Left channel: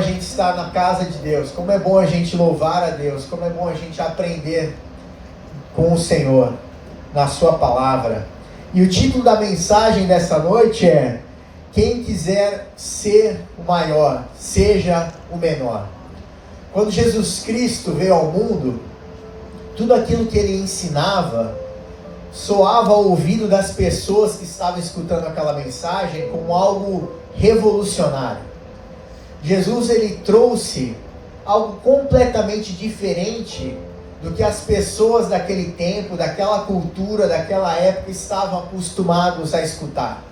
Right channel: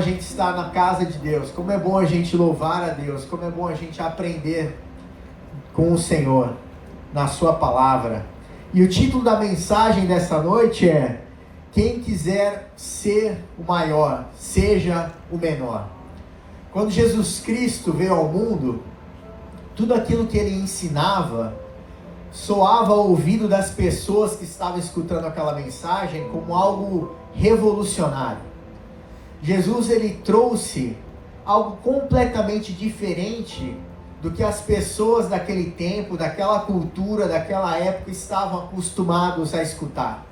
a gente estar na casa de Deus, como é bom a gente louvar a Deus, como é bom a gente aprender com o Senhor, na sua palavra. E o título da mensagem dessa noite é: quem quiser ser o maior, seja o menor. Quando Jesus Cristo veio ao mundo, tudo aquilo que ele ensinava soava ao ouvido das pessoas que estavam escutando aquela mensagem como algo revolucionário. Jesus, ele trouxe algo completamente diferente do que as pessoas daquele tempo, daquela cultura, daquela época estavam acostumados a escutar.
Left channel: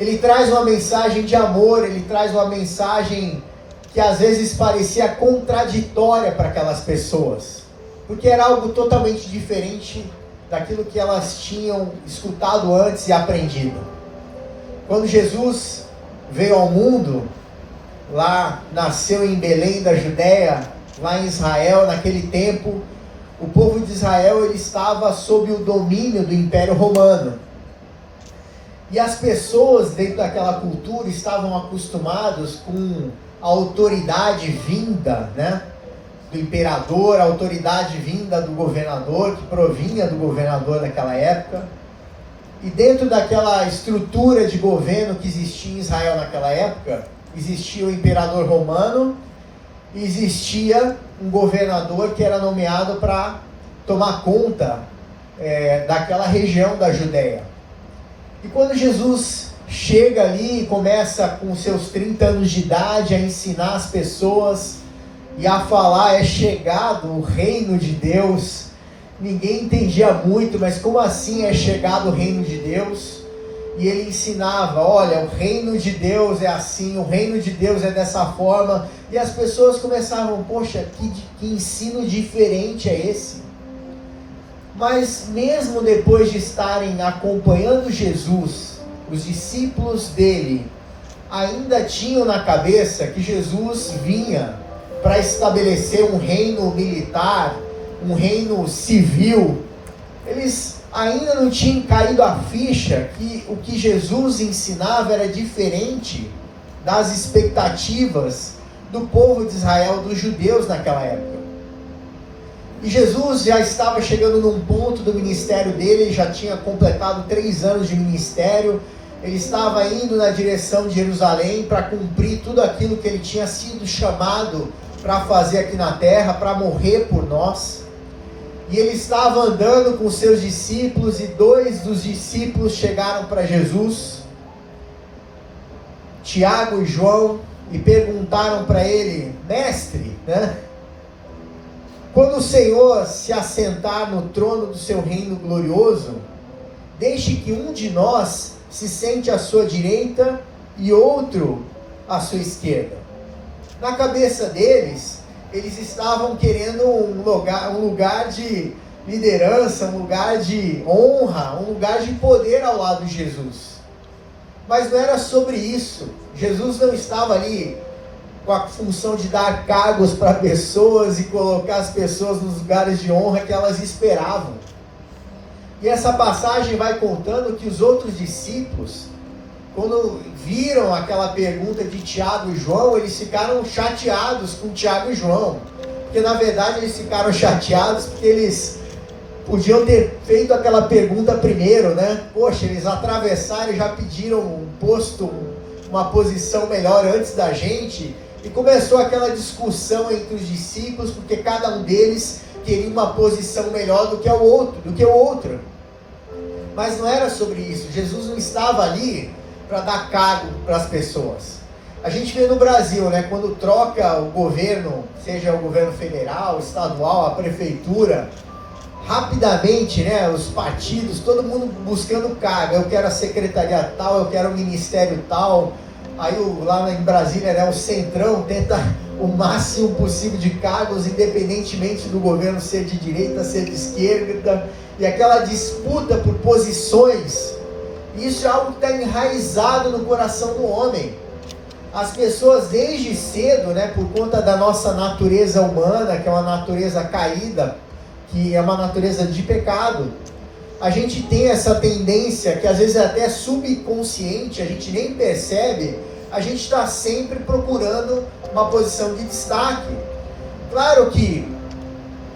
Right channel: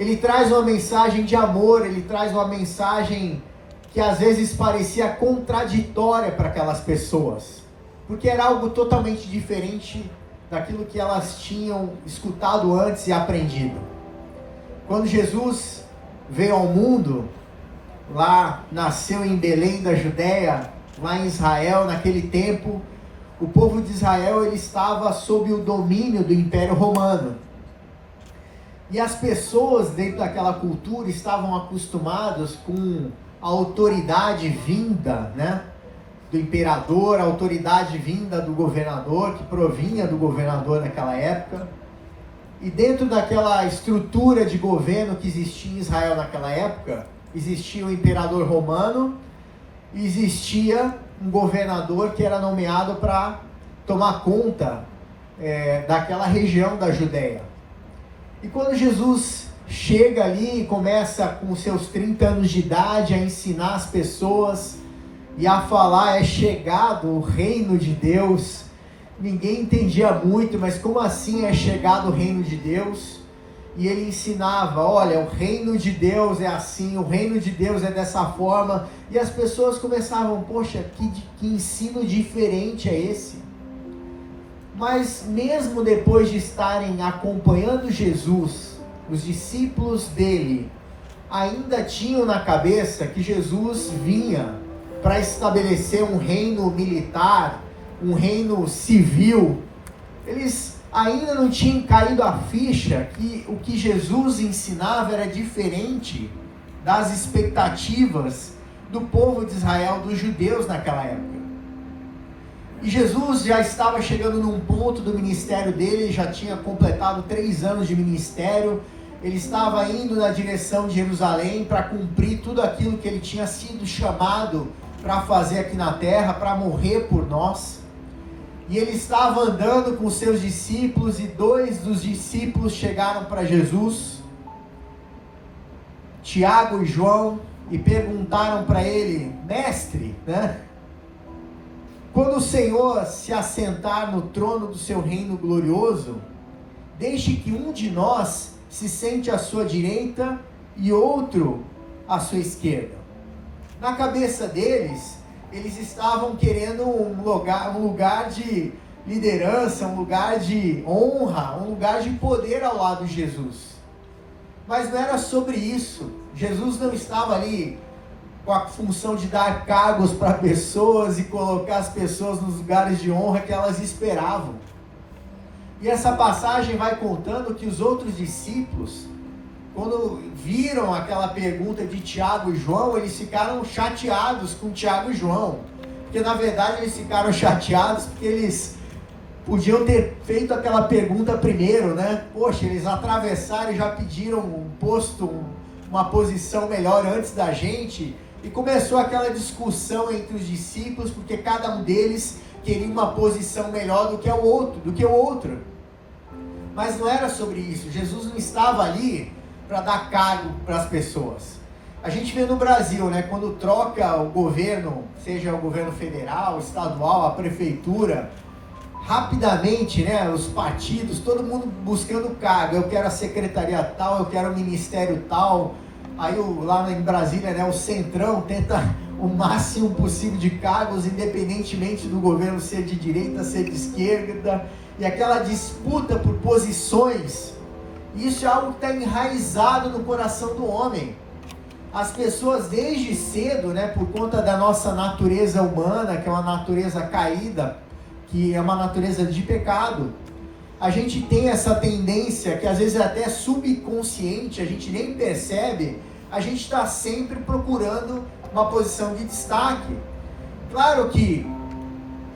Ele traz uma mensagem de amor, ele traz uma mensagem que às vezes parecia contraditória para aquelas pessoas, porque era algo totalmente diferente daquilo que elas tinham escutado antes e aprendido. Quando Jesus veio ao mundo, lá nasceu em Belém da Judéia, lá em Israel, naquele tempo, o povo de Israel ele estava sob o domínio do Império Romano. E as pessoas dentro daquela cultura estavam acostumadas com a autoridade vinda, do imperador, a autoridade vinda do governador, que provinha do governador daquela época. E dentro daquela estrutura de governo que existia em Israel naquela época, existia o imperador romano e existia um governador que era nomeado para tomar conta daquela região da Judéia. E quando Jesus chega ali e começa com seus 30 anos de idade a ensinar as pessoas e a falar: é chegado o reino de Deus. Ninguém entendia muito, mas como assim é chegado o reino de Deus? E ele ensinava: olha, o reino de Deus é assim, o reino de Deus é dessa forma. E as pessoas começavam: poxa, que ensino diferente é esse? Mas mesmo depois de estarem acompanhando Jesus, os discípulos dele ainda tinham na cabeça que Jesus vinha para estabelecer um reino militar, um reino civil. Eles ainda não tinham caído a ficha que o que Jesus ensinava era diferente das expectativas do povo de Israel, dos judeus naquela época. E Jesus já estava chegando num ponto do ministério dele, ele já tinha completado 3 anos de ministério, ele estava indo na direção de Jerusalém para cumprir tudo aquilo que ele tinha sido chamado para fazer aqui na terra, para morrer por nós. E ele estava andando com seus discípulos, e 2 dos discípulos chegaram para Jesus, Tiago e João, e perguntaram para ele: mestre, quando o Senhor se assentar no trono do seu reino glorioso, deixe que um de nós se sente à sua direita e outro à sua esquerda. Na cabeça deles, eles estavam querendo um lugar de liderança, um lugar de honra, um lugar de poder ao lado de Jesus. Mas não era sobre isso. Jesus não estava ali com a função de dar cargos para pessoas e colocar as pessoas nos lugares de honra que elas esperavam. E essa passagem vai contando que os outros discípulos, quando viram aquela pergunta de Tiago e João, eles ficaram chateados com Tiago e João. Porque na verdade eles ficaram chateados porque eles podiam ter feito aquela pergunta primeiro, Poxa, eles atravessaram e já pediram um posto, uma posição melhor antes da gente. E começou aquela discussão entre os discípulos, porque cada um deles queria uma posição melhor do que o outro. Mas não era sobre isso. Jesus não estava ali para dar cargo para as pessoas. A gente vê no Brasil, quando troca o governo, seja o governo federal, estadual, a prefeitura, rapidamente, os partidos, todo mundo buscando cargo. Eu quero a secretaria tal, eu quero o ministério tal. Aí lá em Brasília, o Centrão tenta o máximo possível de cargos, independentemente do governo ser de direita, ser de esquerda, e aquela disputa por posições. Isso é algo que está enraizado no coração do homem. As pessoas desde cedo, por conta da nossa natureza humana, que é uma natureza caída, que é uma natureza de pecado, a gente tem essa tendência, que às vezes é até subconsciente, a gente nem percebe, a gente está sempre procurando uma posição de destaque. Claro que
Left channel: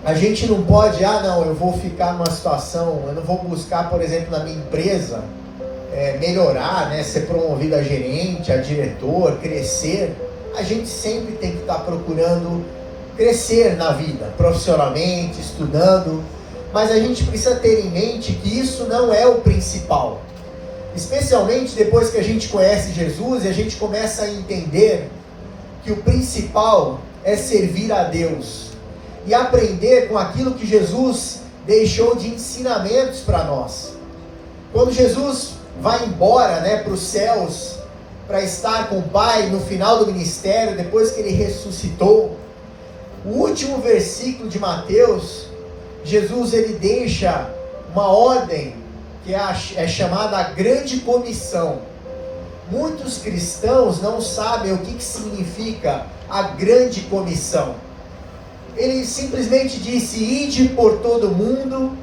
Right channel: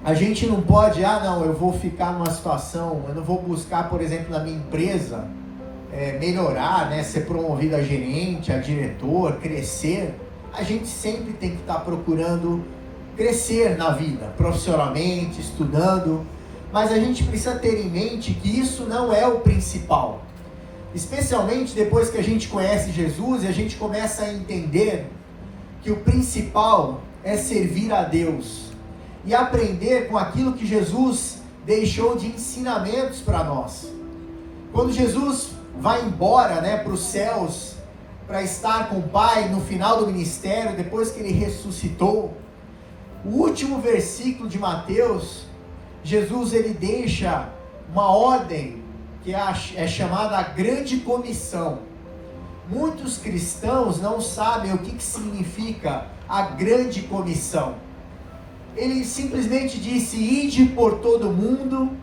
a gente não pode, não, eu vou ficar numa situação, eu não vou buscar, por exemplo, na minha empresa, melhorar, né, ser promovido a gerente, a diretor, crescer. A gente sempre tem que estar procurando crescer na vida, profissionalmente, estudando, mas a gente precisa ter em mente que isso não é o principal. Especialmente depois que a gente conhece Jesus e a gente começa a entender que o principal é servir a Deus e aprender com aquilo que Jesus deixou de ensinamentos para nós. Quando Jesus vai embora, né, para os céus, para estar com o Pai no final do ministério, depois que ele ressuscitou, o último versículo de Mateus, Jesus ele deixa uma ordem que é chamada a Grande Comissão. Muitos cristãos não sabem o que significa a Grande Comissão. Ele simplesmente disse: ide por todo mundo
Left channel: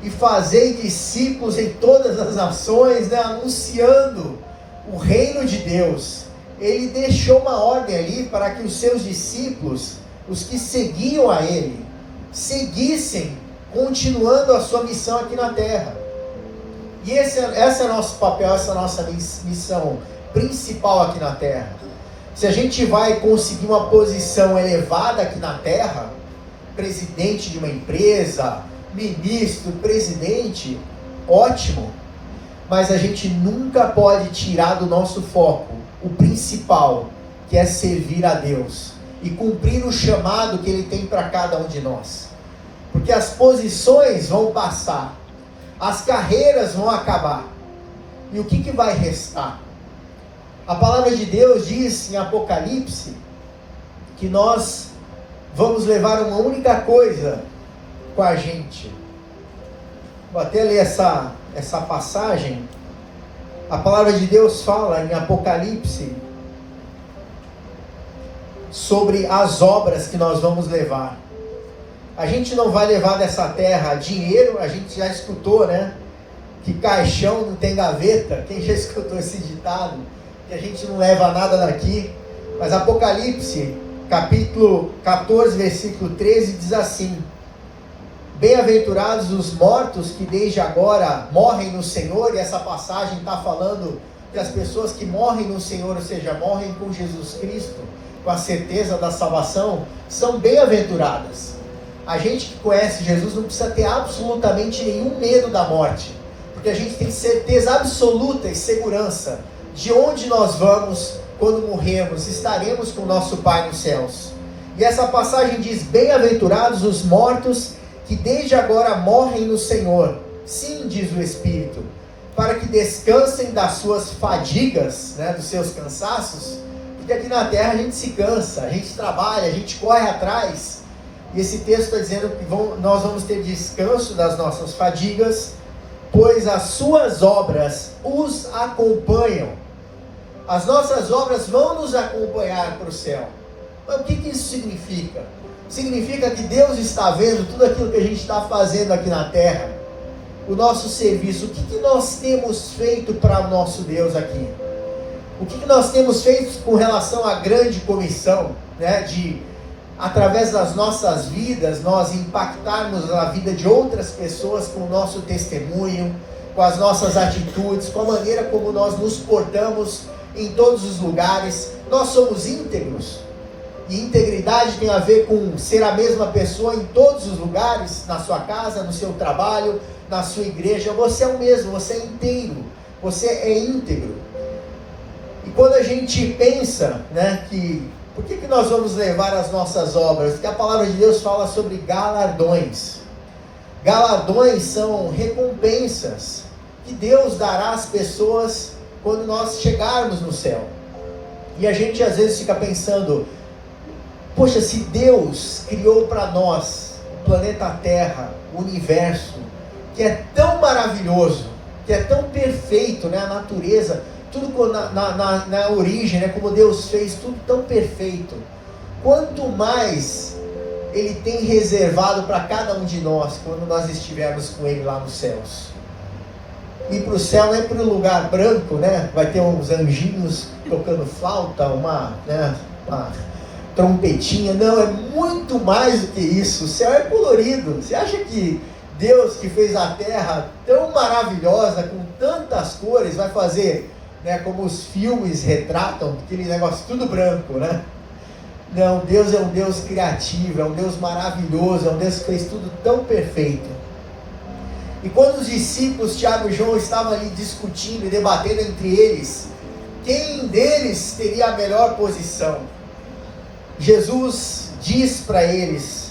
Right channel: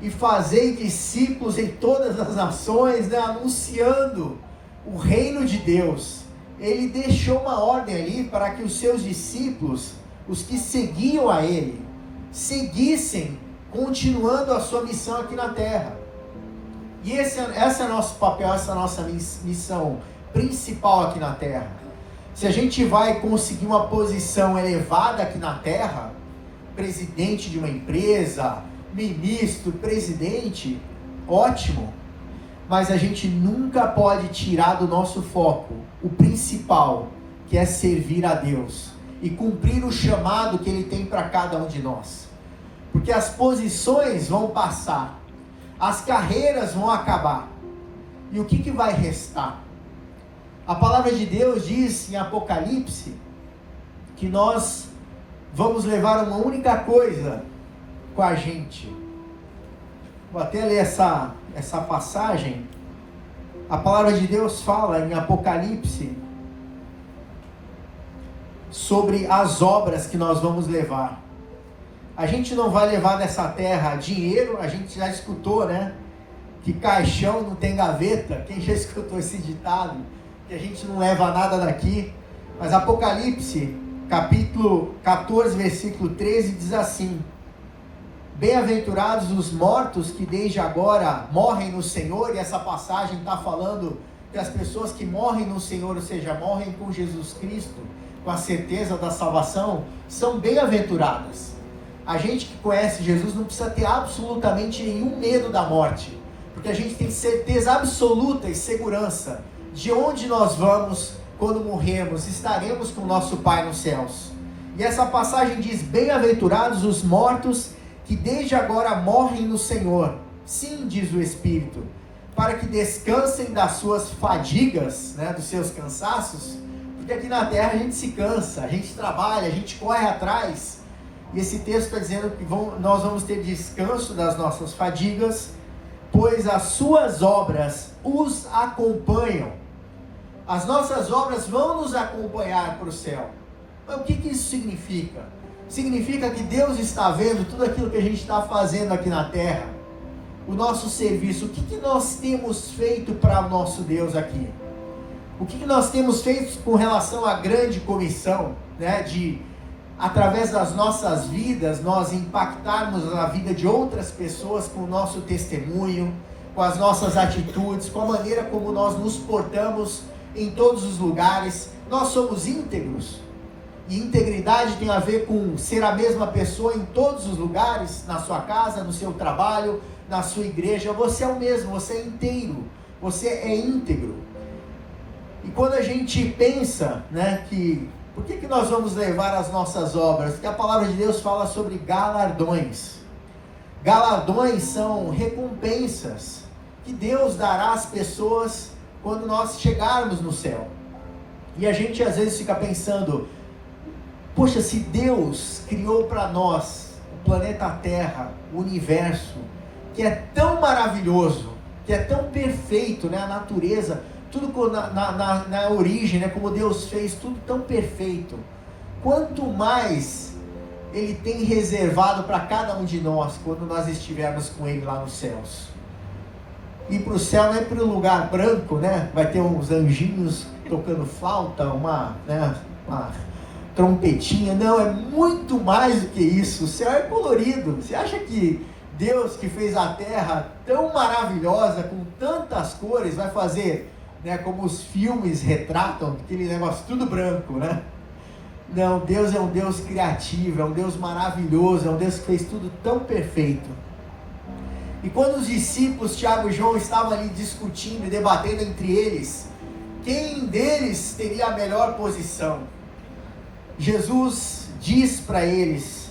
e fazei discípulos em todas as nações, né, anunciando o reino de Deus. Ele deixou uma ordem ali para que os seus discípulos, os que seguiam a ele, seguissem continuando a sua missão aqui na terra. E esse é nosso papel, essa é a nossa missão principal aqui na terra. Se a gente vai conseguir uma posição elevada aqui na terra, presidente de uma empresa, ministro, presidente, ótimo, mas a gente nunca pode tirar do nosso foco o principal, que é servir a Deus e cumprir o chamado que Ele tem para cada um de nós. Porque as posições vão passar, as carreiras vão acabar, e o que vai restar? A palavra de Deus diz em Apocalipse que nós vamos levar uma única coisa com a gente. Vou até ler essa passagem. A palavra de Deus fala em Apocalipse sobre as obras que nós vamos levar. A gente não vai levar dessa terra dinheiro, a gente já escutou, né? Que caixão não tem gaveta. Quem já escutou esse ditado? Que a gente não leva nada daqui. Mas Apocalipse, capítulo 14, versículo 13, diz assim: bem-aventurados os mortos que desde agora morrem no Senhor. E essa passagem está falando que as pessoas que morrem no Senhor, ou seja, morrem com Jesus Cristo, com a certeza da salvação, são bem-aventuradas. A gente que conhece Jesus não precisa ter absolutamente nenhum medo da morte, porque a gente tem certeza absoluta e segurança de onde nós vamos quando morrermos. Estaremos com o nosso Pai nos céus. E essa passagem diz: bem-aventurados os mortos que desde agora morrem no Senhor. Sim, diz o Espírito, para que descansem das suas fadigas, né, dos seus cansaços, porque aqui na terra a gente se cansa, a gente trabalha, a gente corre atrás. E esse texto está dizendo que nós vamos ter descanso das nossas fadigas, pois as suas obras os acompanham. As nossas obras vão nos acompanhar para o céu. Mas o que isso significa? Significa que Deus está vendo tudo aquilo que a gente está fazendo aqui na terra, o nosso serviço. O que nós temos feito para o nosso Deus aqui? O que nós temos feito com relação à grande comissão, né, de, através das nossas vidas, nós impactarmos a vida de outras pessoas com o nosso testemunho, com as nossas atitudes, com a maneira como nós nos portamos em todos os lugares. Nós somos íntegros, e integridade tem a ver com ser a mesma pessoa em todos os lugares, na sua casa, no seu trabalho, na sua igreja. Você é o mesmo, você é inteiro, você é íntegro. E quando a gente pensa, né, que por que nós vamos levar as nossas obras? Porque a palavra de Deus fala sobre galardões. Galardões são recompensas que Deus dará às pessoas quando nós chegarmos no céu. E a gente às vezes fica pensando: poxa, se Deus criou para nós o planeta Terra, o universo, que é tão maravilhoso, que é tão perfeito, né? A natureza, tudo na origem, né? Como Deus fez, tudo tão perfeito. Quanto mais Ele tem reservado para cada um de nós quando nós estivermos com Ele lá nos céus. ir para o céu não é para um lugar branco, né? Vai ter uns anjinhos tocando flauta, uma trompetinha. Não, é muito mais do que isso. O céu é colorido. Você acha que Deus, que fez a terra tão maravilhosa, com tantas cores, vai fazer, né, como os filmes retratam, aquele negócio tudo branco, né? Não, Deus é um Deus criativo, é um Deus maravilhoso, é um Deus que fez tudo tão perfeito. E quando os discípulos, Tiago e João, estavam ali discutindo e debatendo entre eles, quem deles teria a melhor posição, Jesus diz para eles,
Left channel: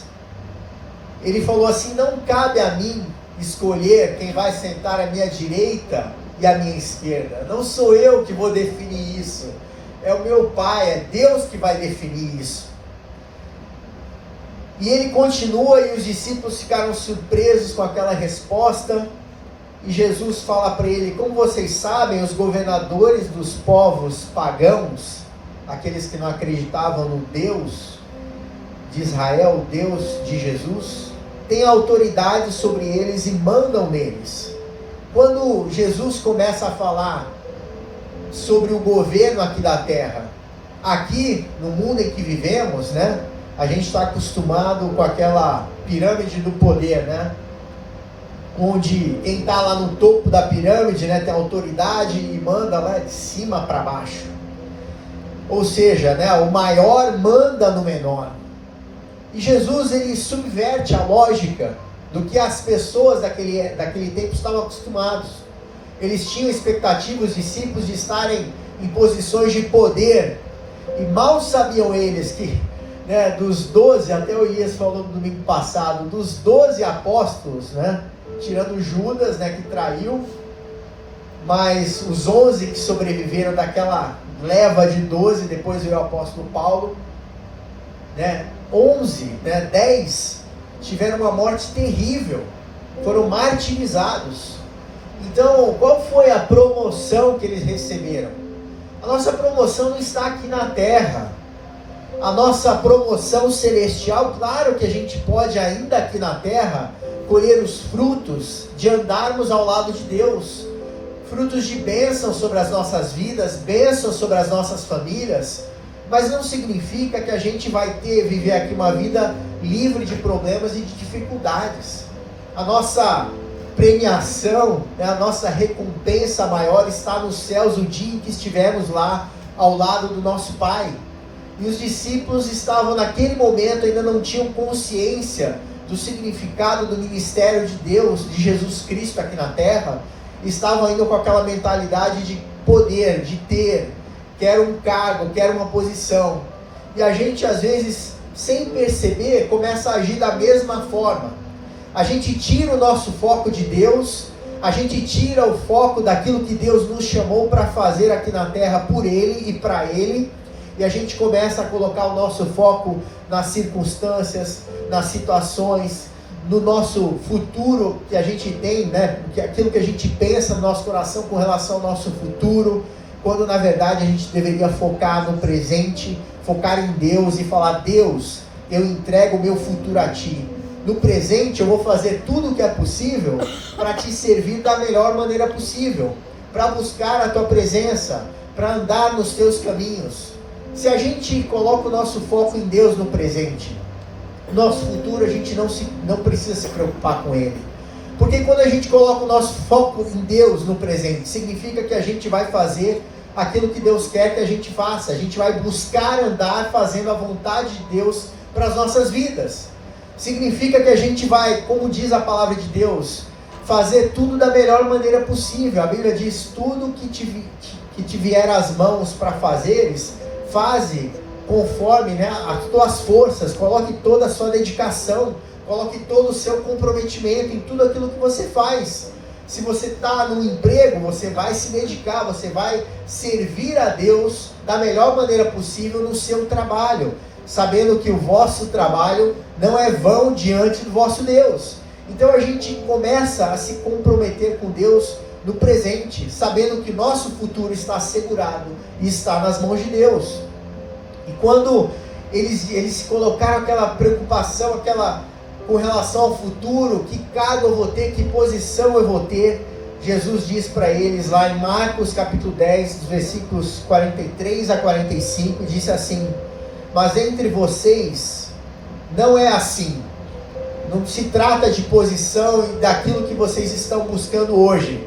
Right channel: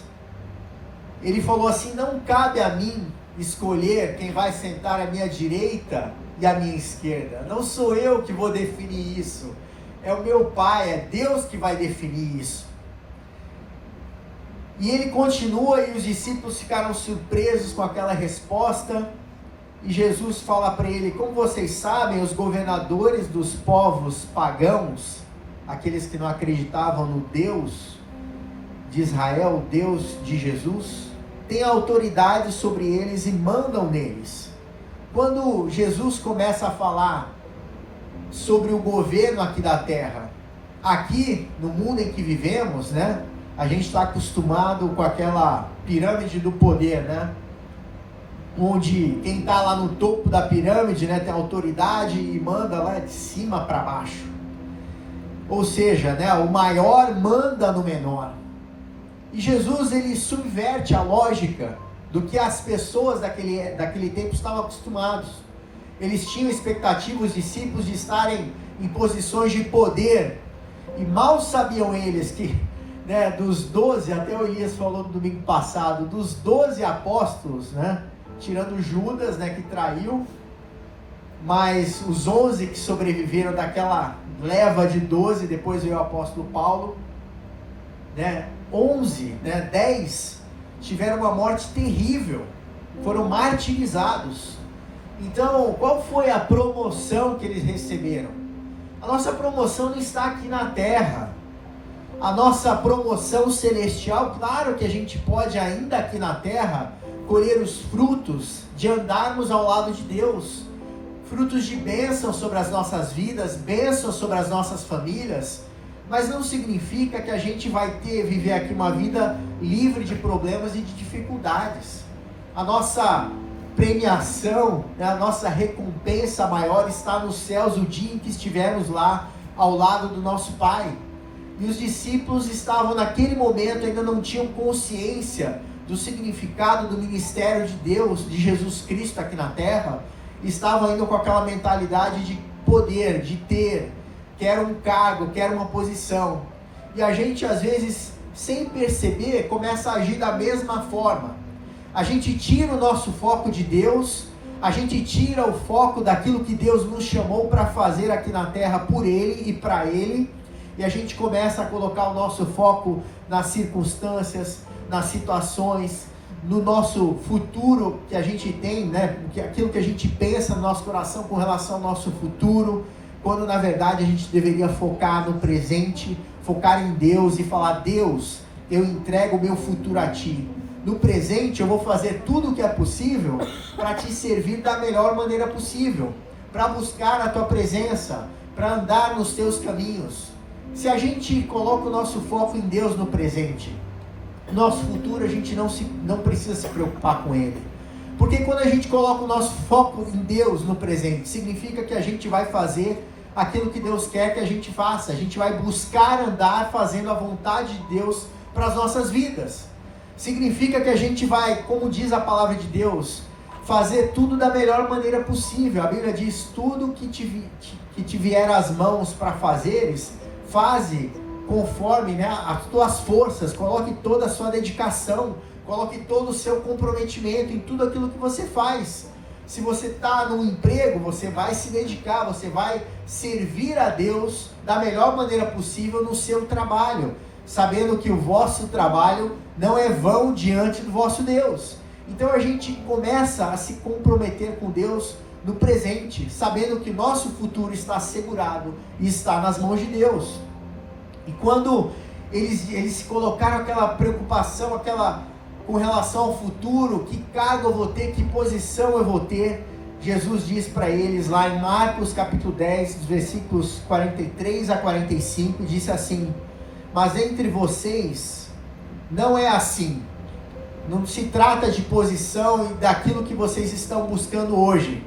ele falou assim: não cabe a mim escolher quem vai sentar à minha direita e à minha esquerda, não sou eu que vou definir isso, é o meu Pai, é Deus que vai definir isso. E ele continua, e os discípulos ficaram surpresos com aquela resposta, e Jesus fala para ele: como vocês sabem, os governadores dos povos pagãos, aqueles que não acreditavam no Deus de Israel, o Deus de Jesus, têm autoridade sobre eles e mandam neles. Quando Jesus começa a falar sobre o governo aqui da terra, aqui no mundo em que vivemos, né, a gente está acostumado com aquela pirâmide do poder, né, onde quem está lá no topo da pirâmide, né, tem autoridade e manda lá de cima para baixo, ou seja, né, o maior manda no menor. E Jesus, ele subverte a lógica do que as pessoas daquele tempo estavam acostumados. Eles tinham expectativa, os discípulos, de estarem em posições de poder, e mal sabiam eles que, né, dos 12, até o Elias falou no domingo passado, dos 12 apóstolos, né, tirando Judas, né, que traiu, mas os 11 que sobreviveram daquela leva de 12, depois veio o apóstolo Paulo, né, 11, né, 10 tiveram uma morte terrível, foram martirizados. Então, qual foi a promoção que eles receberam? A nossa promoção não está aqui na terra. A nossa promoção celestial, claro que a gente pode ainda aqui na terra colher os frutos de andarmos ao lado de Deus, frutos de bênção sobre as nossas vidas, bênção sobre as nossas famílias, mas não significa que a gente vai viver aqui uma vida livre de problemas e de dificuldades. A nossa premiação, né, a nossa recompensa maior está nos céus, o dia em que estivermos lá ao lado do nosso Pai. E os discípulos estavam naquele momento, ainda não tinham consciência do significado do ministério de Deus, de Jesus Cristo aqui na terra, estavam ainda com aquela mentalidade de poder, de ter, quero um cargo, quero uma posição. E a gente às vezes, sem perceber, começa a agir da mesma forma. A gente tira o nosso foco de Deus, a gente tira o foco daquilo que Deus nos chamou para fazer aqui na terra por Ele e para Ele, e a gente começa a colocar o nosso foco nas circunstâncias, nas situações, no nosso futuro que a gente tem, né? Aquilo que a gente pensa no nosso coração com relação ao nosso futuro, quando na verdade a gente deveria focar no presente, focar em Deus e falar: Deus, eu entrego o meu futuro a Ti. No presente eu vou fazer tudo o que é possível para Te servir da melhor maneira possível, para buscar a Tua presença, para andar nos Teus caminhos. Se a gente coloca o nosso foco em Deus no presente, o nosso futuro a gente não precisa se preocupar com ele. Porque quando a gente coloca o nosso foco em Deus no presente, significa que a gente vai fazer aquilo que Deus quer que a gente faça. A gente vai buscar andar fazendo a vontade de Deus para as nossas vidas. Significa que a gente vai, como diz a palavra de Deus, fazer tudo da melhor maneira possível. A Bíblia diz: tudo que te vier às mãos para fazeres, faze conforme, né, as tuas forças, coloque toda a sua dedicação, coloque todo o seu comprometimento em tudo aquilo que você faz. Se você está no emprego, você vai se dedicar, você vai servir a Deus da melhor maneira possível no seu trabalho, sabendo que o vosso trabalho não é vão diante do vosso Deus. Então a gente começa a se comprometer com Deus no presente, sabendo que nosso futuro está assegurado e está nas mãos de Deus. E quando eles colocaram aquela preocupação, com relação ao futuro, que cargo eu vou ter, que posição eu vou ter, Jesus diz para eles lá em Marcos capítulo 10, versículos 43 a 45, disse assim: mas entre vocês não é assim. Não se trata de posição e daquilo que vocês estão buscando hoje.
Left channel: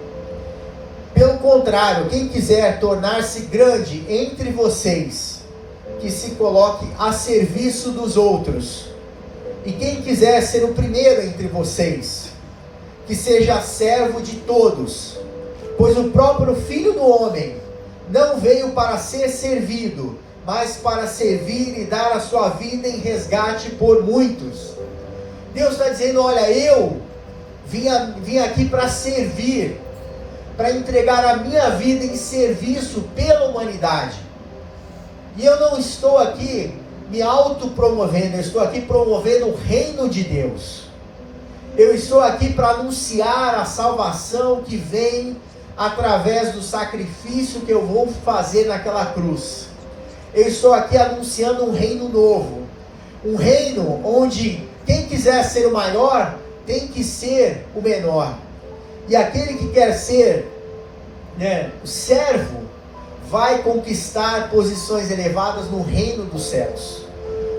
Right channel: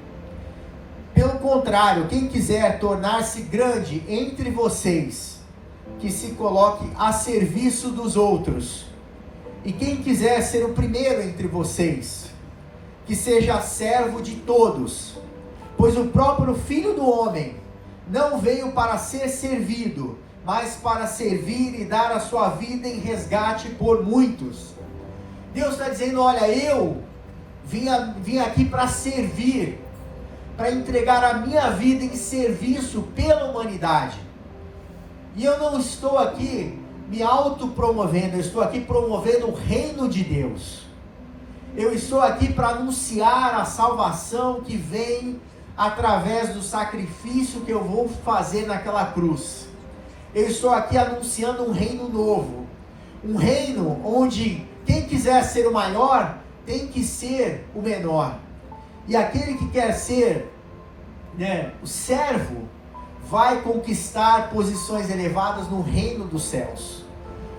Pelo contrário, quem quiser tornar-se grande entre vocês, que se coloque a serviço dos outros. E quem quiser ser o primeiro entre vocês, que seja servo de todos. Pois o próprio Filho do Homem não veio para ser servido, mas para servir e dar a sua vida em resgate por muitos. Deus está dizendo: olha, eu vim aqui para servir, para entregar a minha vida em serviço pela humanidade. E eu não estou aqui me autopromovendo, eu estou aqui promovendo o reino de Deus. Eu estou aqui para anunciar a salvação que vem através do sacrifício que eu vou fazer naquela cruz. Eu estou aqui anunciando um reino novo, um reino onde quem quiser ser o maior tem que ser o menor, e aquele que quer ser o servo vai conquistar posições elevadas no reino dos céus.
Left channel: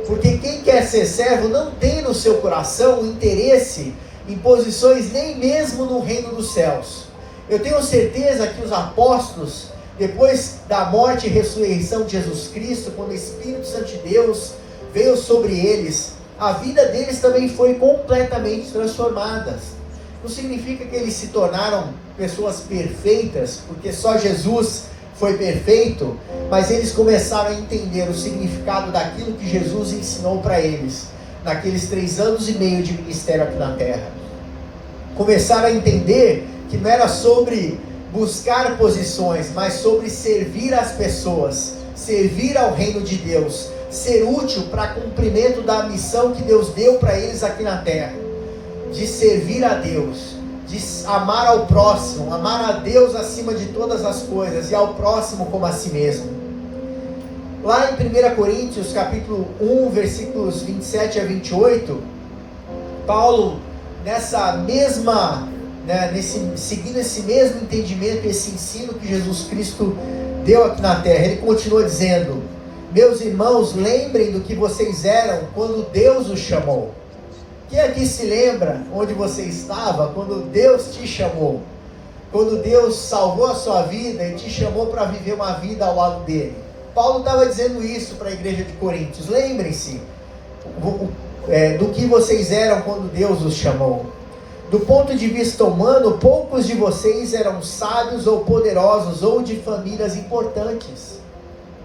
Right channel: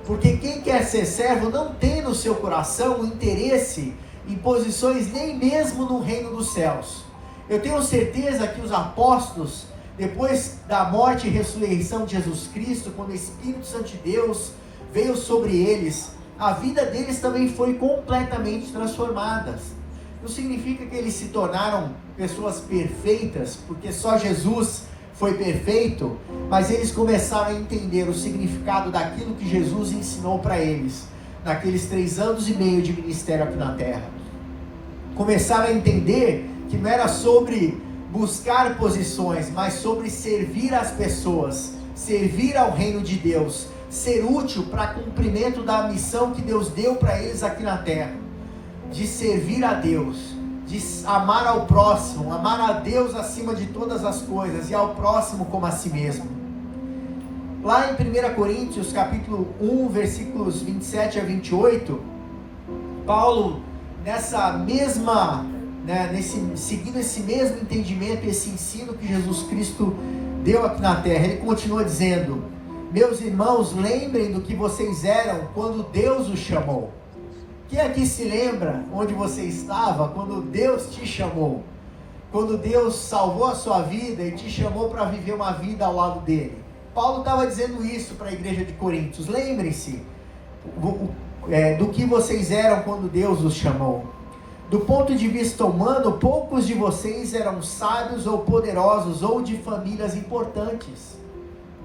Porque quem quer ser servo não tem no seu coração o interesse em posições nem mesmo no reino dos céus. Eu tenho certeza que os apóstolos, depois da morte e ressurreição de Jesus Cristo, quando o Espírito Santo de Deus veio sobre eles, a vida deles também foi completamente transformada. Não significa que eles se tornaram pessoas perfeitas, porque só Jesus foi perfeito, mas eles começaram a entender o significado daquilo que Jesus ensinou para eles, naqueles 3 anos e meio de ministério aqui na terra. Começaram a entender que não era sobre buscar posições, mas sobre servir as pessoas, servir ao reino de Deus, ser útil para cumprimento da missão que Deus deu para eles aqui na terra, de servir a Deus, de amar ao próximo, amar a Deus acima de todas as coisas e ao próximo como a si mesmo. Lá em 1 Coríntios capítulo 1, versículos 27 a 28, Paulo, seguindo esse mesmo entendimento, esse ensino que Jesus Cristo deu aqui na terra, ele continua dizendo: meus irmãos, lembrem do que vocês eram quando Deus os chamou. Quem aqui se lembra onde você estava quando Deus te chamou? Quando Deus salvou a sua vida e te chamou para viver uma vida ao lado dele? Paulo estava dizendo isso para a igreja de Coríntios. Lembrem-se do que vocês eram quando Deus os chamou. Do ponto de vista humano, poucos de vocês eram sábios ou poderosos ou de famílias importantes.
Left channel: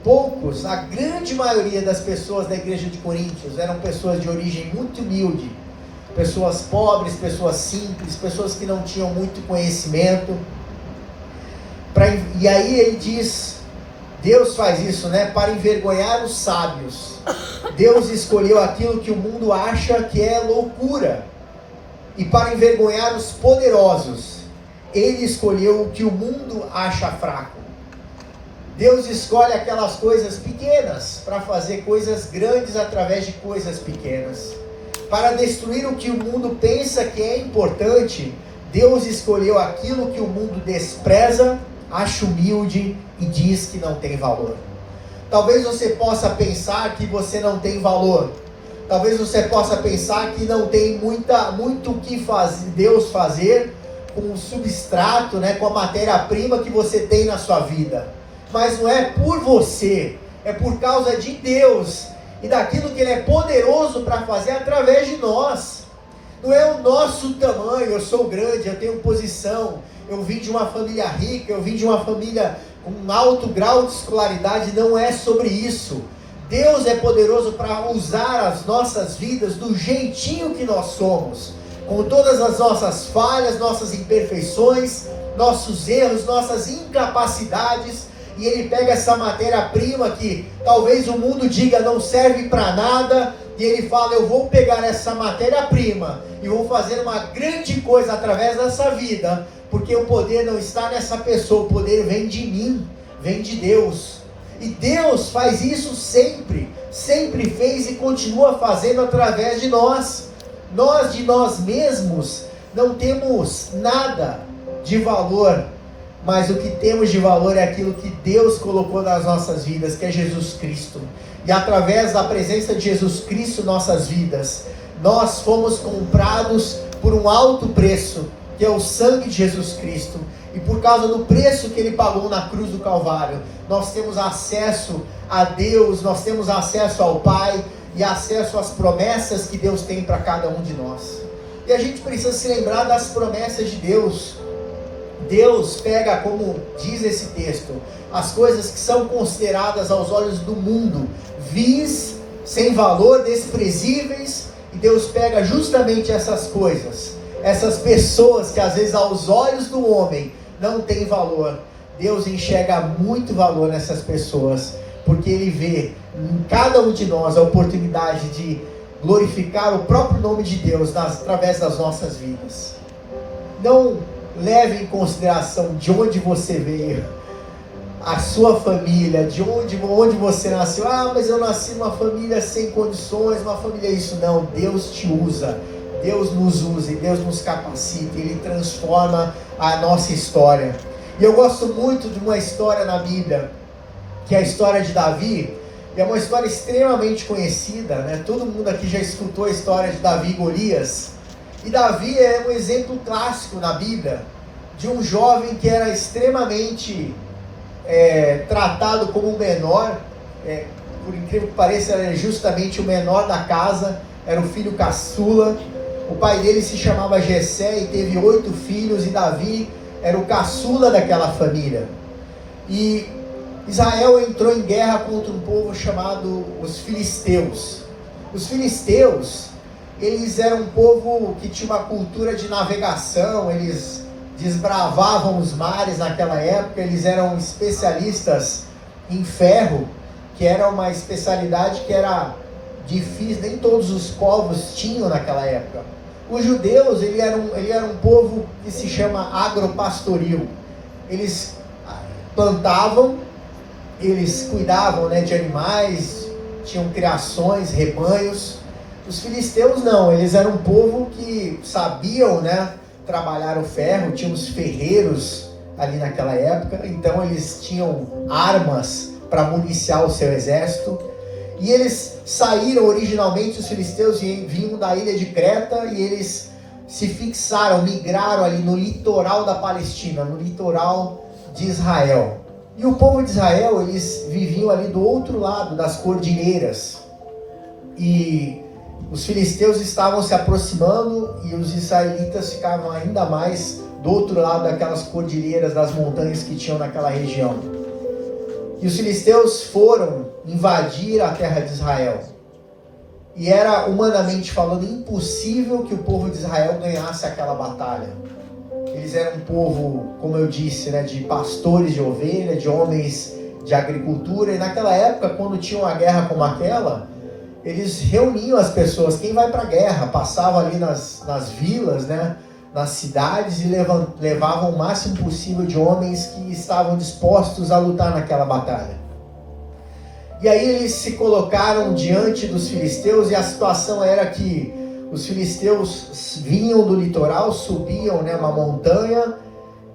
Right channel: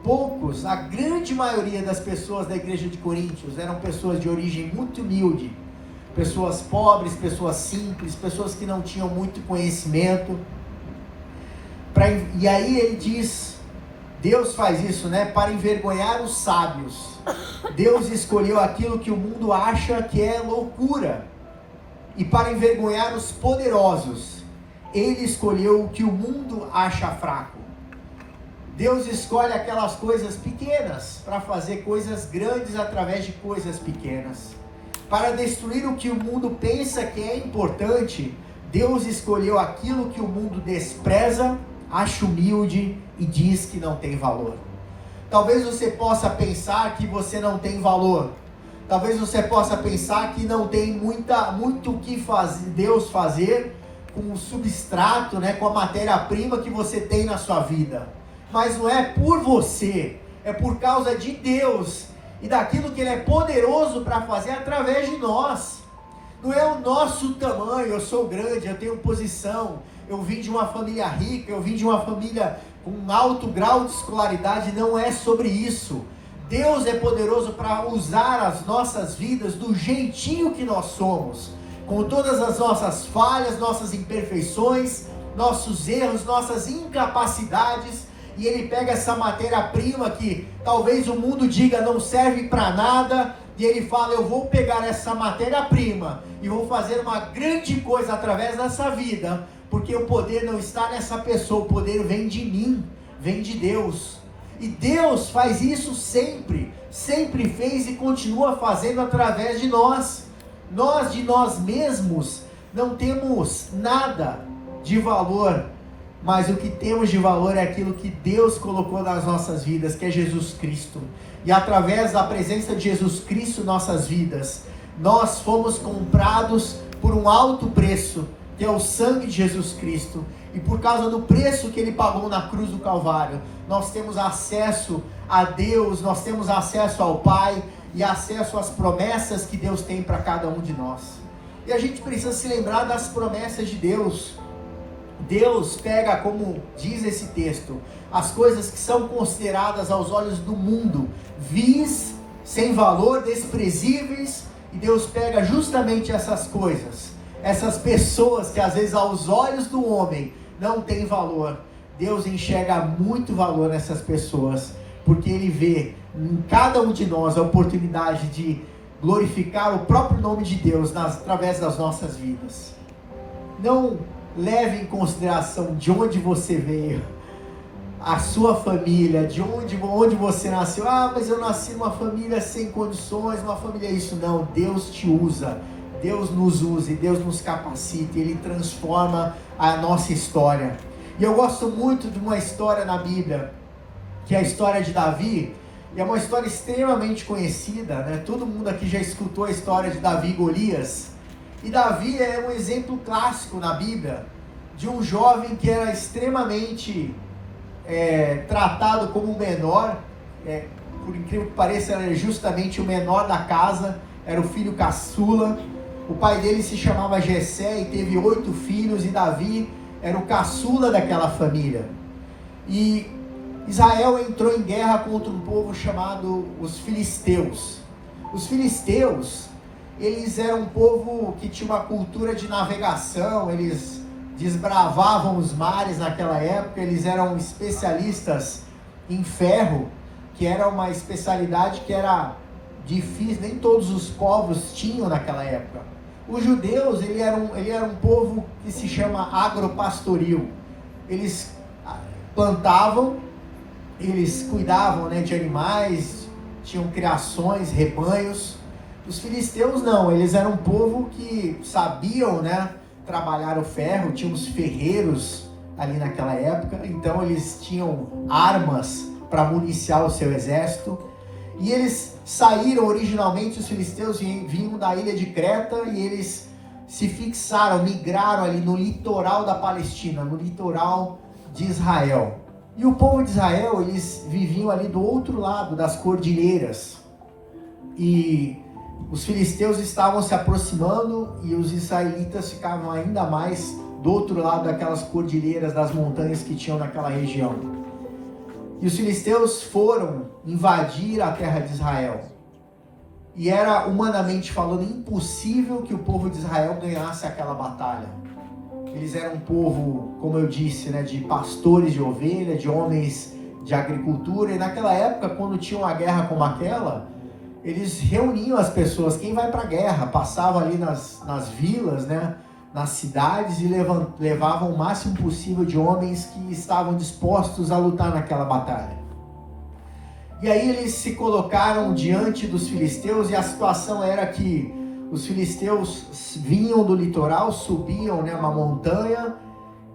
Poucos, a grande maioria das pessoas da igreja de Coríntios eram pessoas de origem muito humilde, pessoas pobres, pessoas simples, pessoas que não tinham muito conhecimento. E aí ele diz, Deus faz isso, para envergonhar os sábios. Deus escolheu aquilo que o mundo acha que é loucura, e para envergonhar os poderosos, ele escolheu o que o mundo acha fraco. Deus escolhe aquelas coisas pequenas para fazer coisas grandes através de coisas pequenas. Para destruir o que o mundo pensa que é importante, Deus escolheu aquilo que o mundo despreza, acha humilde e diz que não tem valor. Talvez você possa pensar que você não tem valor. Talvez você possa pensar que não tem muito o que Deus fazer com o substrato, com a matéria-prima que você tem na sua vida. Mas não é por você, é por causa de Deus e daquilo que Ele é poderoso para fazer através de nós. Não é o nosso tamanho, eu sou grande, eu tenho posição, eu vim de uma família rica, eu vim de uma família com um alto grau de escolaridade. Não é sobre isso. Deus é poderoso para usar as nossas vidas do jeitinho que nós somos, com todas as nossas falhas, nossas imperfeições, nossos erros, nossas incapacidades, e Ele pega essa matéria-prima que talvez o mundo diga não serve para nada, e Ele fala: eu vou pegar essa matéria-prima e vou fazer uma grande coisa através dessa vida, porque o poder não está nessa pessoa, o poder vem de mim, vem de Deus. E Deus faz isso sempre fez e continua fazendo através de nós. Nós de nós mesmos não temos nada de valor, mas o que temos de valor é aquilo que Deus colocou nas nossas vidas, que é Jesus Cristo. E através da presença de Jesus Cristo em nossas vidas, nós fomos comprados por um alto preço, que é o sangue de Jesus Cristo. E por causa do preço que Ele pagou na cruz do Calvário, nós temos acesso a Deus, nós temos acesso ao Pai e acesso às promessas que Deus tem para cada um de nós. E a gente precisa se lembrar das promessas de Deus. Deus pega, como diz esse texto, as coisas que são consideradas aos olhos do mundo vis, sem valor, desprezíveis, e Deus pega justamente essas coisas, essas pessoas que às vezes aos olhos do homem não têm valor. Deus enxerga muito valor nessas pessoas, porque Ele vê em cada um de nós a oportunidade de glorificar o próprio nome de Deus através das nossas vidas. Não leve em consideração de onde você veio, a sua família, de onde você nasceu. Mas eu nasci numa família sem condições, uma família isso. Não, Deus te usa, Deus nos usa e Deus nos capacita, Ele transforma a nossa história. E eu gosto muito de uma história na Bíblia, que é a história de Davi. É uma história extremamente conhecida, né? Todo mundo aqui já escutou a história de Davi e Golias. E Davi é um exemplo clássico na Bíblia de um jovem que era extremamente tratado como o menor, por incrível que pareça, era justamente o menor da casa, era o filho caçula. O pai dele se chamava Jessé e teve 8 filhos, e Davi era o caçula daquela família. E Israel entrou em guerra contra um povo chamado os filisteus. Os filisteus, eles eram um povo que tinha uma cultura de navegação, eles desbravavam os mares naquela época, eles eram especialistas em ferro, que era uma especialidade que era difícil, nem todos os povos tinham naquela época. Os judeus, ele era um povo que se chama agropastoril. Eles plantavam, eles cuidavam, de animais, tinham criações, rebanhos. Os filisteus não, eles eram um povo que sabiam, trabalhar o ferro, tinham os ferreiros ali naquela época, então eles tinham armas para municiar o seu exército. E eles saíram originalmente, os filisteus vinham da ilha de Creta, e eles se fixaram, migraram ali no litoral da Palestina, no litoral de Israel. E o povo de Israel, eles viviam ali do outro lado das cordilheiras. E os filisteus estavam se aproximando e os israelitas ficavam ainda mais do outro lado daquelas cordilheiras, das montanhas que tinham naquela região. E os filisteus foram invadir a terra de Israel. E era, humanamente falando, impossível que o povo de Israel ganhasse aquela batalha. Eles eram um povo, como eu disse, de pastores de ovelha, de homens de agricultura. E naquela época, quando tinha uma guerra como aquela, eles reuniam as pessoas. Quem vai para a guerra? Passava ali nas vilas, nas cidades, e levavam o máximo possível de homens que estavam dispostos a lutar naquela batalha. E aí eles se colocaram diante dos filisteus, e a situação era que os filisteus vinham do litoral, subiam uma montanha,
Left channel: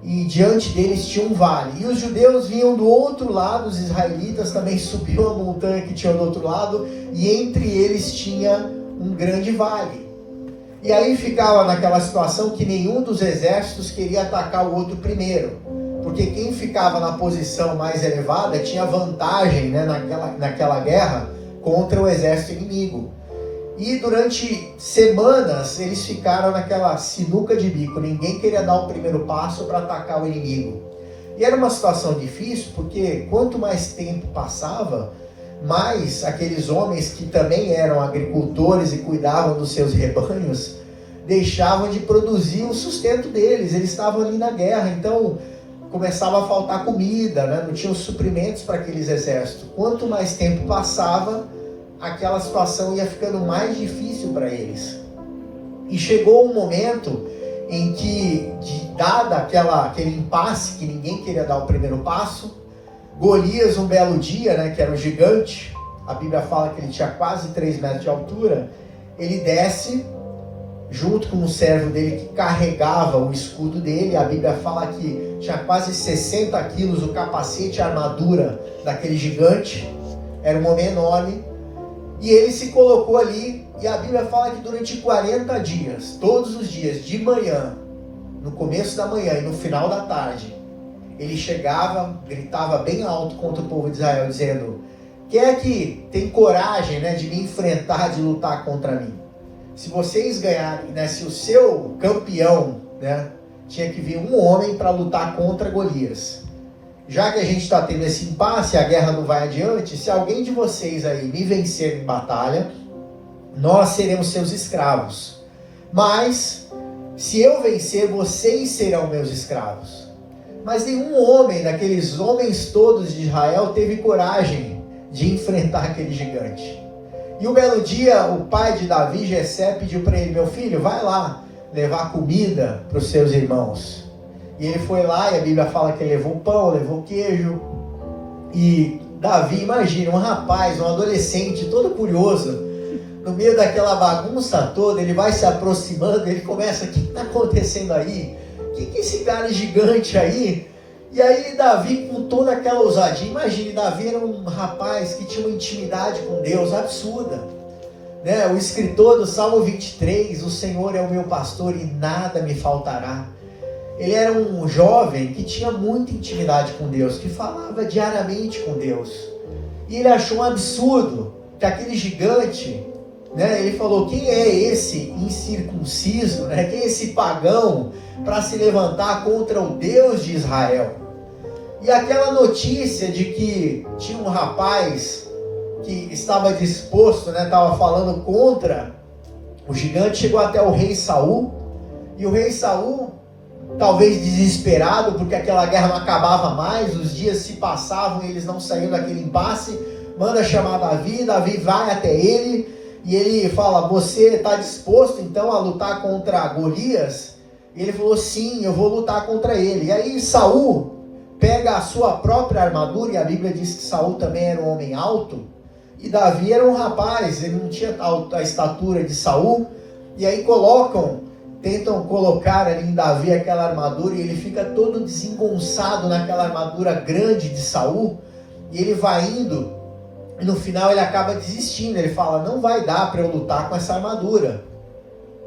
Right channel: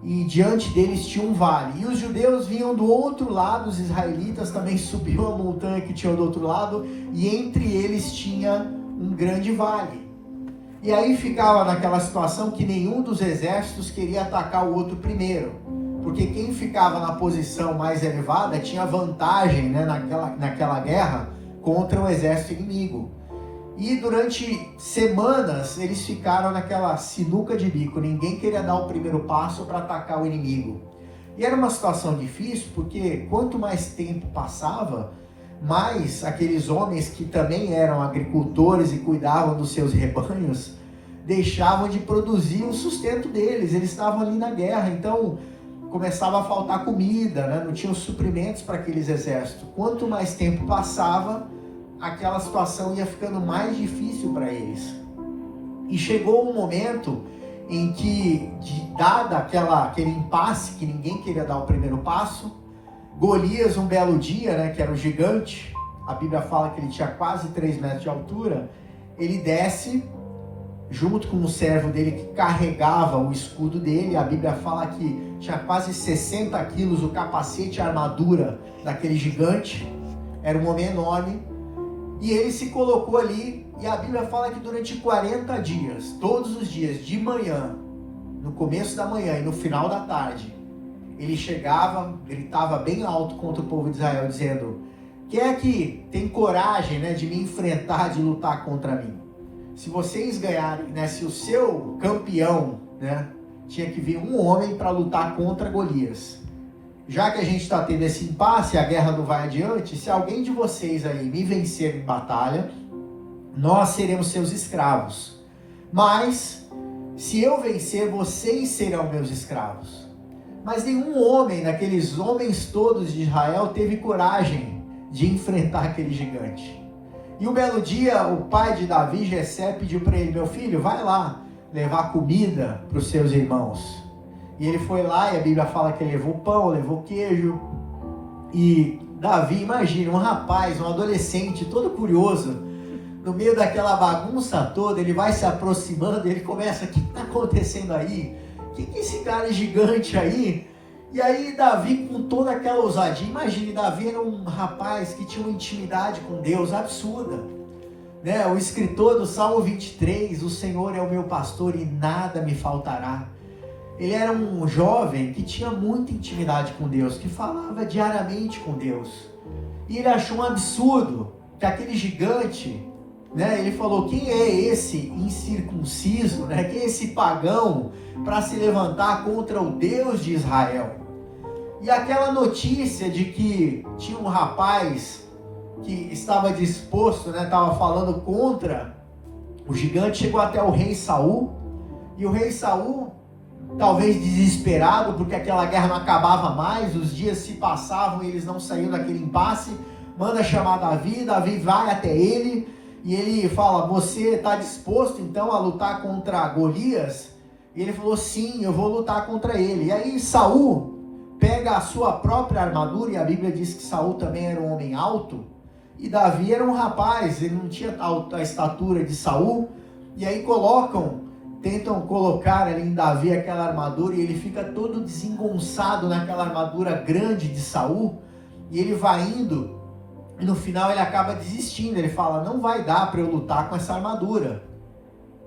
e diante deles tinha um vale. E os judeus vinham do outro lado, os israelitas também subiam a montanha que tinha do outro lado, e entre eles tinha um grande vale. E aí ficava naquela situação que nenhum dos exércitos queria atacar o outro primeiro, porque quem ficava na posição mais elevada tinha vantagem naquela guerra contra o exército inimigo. E durante semanas eles ficaram naquela sinuca de bico, ninguém queria dar o primeiro passo para atacar o inimigo. E era uma situação difícil, porque quanto mais tempo passava, mais aqueles homens que também eram agricultores e cuidavam dos seus rebanhos, deixavam de produzir o sustento deles. Eles estavam ali na guerra, então começava a faltar comida, não tinham suprimentos para aqueles exércitos. Quanto mais tempo passava, aquela situação ia ficando mais difícil para eles. E chegou um momento em que, dada aquele impasse, que ninguém queria dar o primeiro passo, Golias, um belo dia, que era o gigante, a Bíblia fala que ele tinha quase 3 metros de altura, ele desce, junto com um servo dele que carregava o escudo dele. A Bíblia fala que tinha quase 60 quilos o capacete e a armadura daquele gigante. Era um homem enorme. E ele se colocou ali, e a Bíblia fala que durante 40 dias, todos os dias, de manhã, no começo da manhã e no final da tarde, ele chegava, gritava bem alto contra o povo de Israel, dizendo: quem é que tem coragem, né, de me enfrentar, de lutar contra mim? Se vocês ganharem, né, se o seu campeão, né, tinha que vir um homem para lutar contra Golias. Já que a gente está tendo esse impasse, a guerra não vai adiante, se alguém de vocês aí me vencer em batalha, nós seremos seus escravos. Mas, se eu vencer, vocês serão meus escravos. Mas nenhum homem, daqueles homens todos de Israel, teve coragem de enfrentar aquele gigante. E um belo dia, o pai de Davi, Jessé, pediu para ele: meu filho, vai lá levar comida para os seus irmãos. E ele foi lá, e a Bíblia fala que ele levou pão, levou queijo. E Davi, imagina, um rapaz, um adolescente, todo curioso, no meio daquela bagunça toda, ele vai se aproximando, ele começa: o que está acontecendo aí? Que é esse cara gigante aí? E aí Davi, com toda aquela ousadia, imagine, Davi era um rapaz que tinha uma intimidade com Deus absurda, né? O escritor do Salmo 23, o Senhor é o meu pastor e nada me faltará. Ele era um jovem que tinha muita intimidade com Deus, que falava diariamente com Deus. E ele achou um absurdo que aquele gigante, né, ele falou: quem é esse incircunciso, né? Quem é esse pagão para se levantar contra o Deus de Israel? E aquela notícia de que tinha um rapaz que estava disposto, né, estava falando contra o gigante, chegou até o rei Saul. E o rei Saul, talvez desesperado, porque aquela guerra não acabava mais, os dias se passavam e eles não saíam daquele impasse, manda chamar Davi. Davi vai até ele e ele fala: você está disposto então a lutar contra Golias? E ele falou: sim, eu vou lutar contra ele. E aí Saul pega a sua própria armadura, e a Bíblia diz que Saul também era um homem alto, e Davi era um rapaz, ele não tinha a estatura de Saul, e aí tentam colocar ali em Davi aquela armadura, e ele fica todo desengonçado naquela armadura grande de Saul, e ele vai indo, e no final ele acaba desistindo. Ele fala: não vai dar para eu lutar com essa armadura.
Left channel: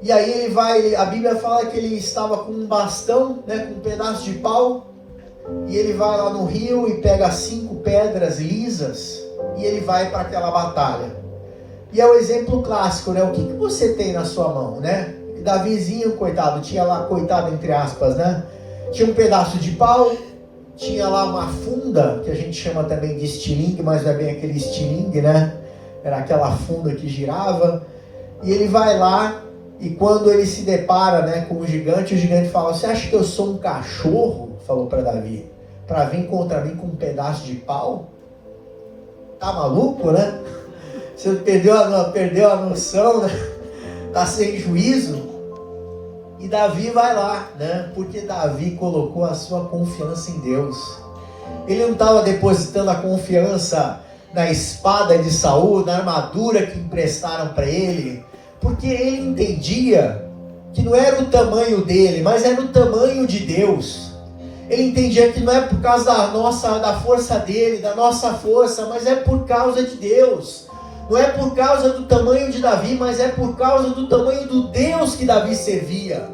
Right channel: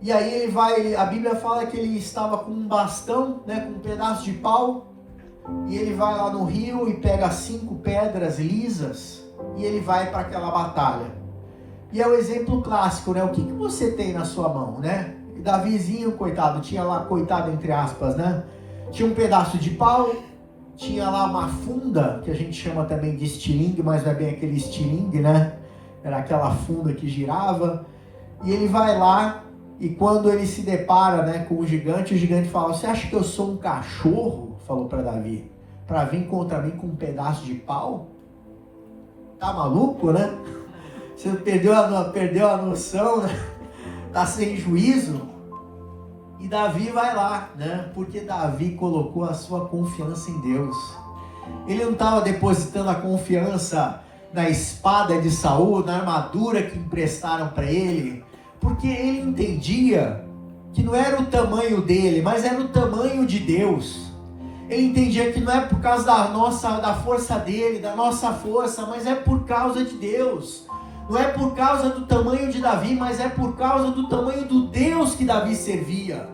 E aí ele vai, a Bíblia fala que ele estava com um bastão, né, com um pedaço de pau, e ele vai lá no rio e pega 5 pedras lisas, e ele vai para aquela batalha. E é o exemplo clássico, né? O que você tem na sua mão, né? Davizinho, coitado, tinha lá, coitado entre aspas, né? Tinha um pedaço de pau, tinha lá uma funda, que a gente chama também de estilingue, mas não é bem aquele estilingue, né? Era aquela funda que girava. E ele vai lá, e quando ele se depara, né, com o gigante fala: você acha que eu sou um cachorro? Falou para Davi, para vir contra mim com um pedaço de pau? Tá maluco, né? Você perdeu a noção, né? Tá sem juízo. E Davi vai lá, né? Porque Davi colocou a sua confiança em Deus. Ele não estava depositando a confiança na espada de Saul, na armadura que emprestaram para ele, porque ele entendia que não era o tamanho dele, mas era o tamanho de Deus. Ele entendia que não é por causa da força dele, da nossa força, mas é por causa de Deus. Não é por causa do tamanho de Davi, mas é por causa do tamanho do Deus que Davi servia.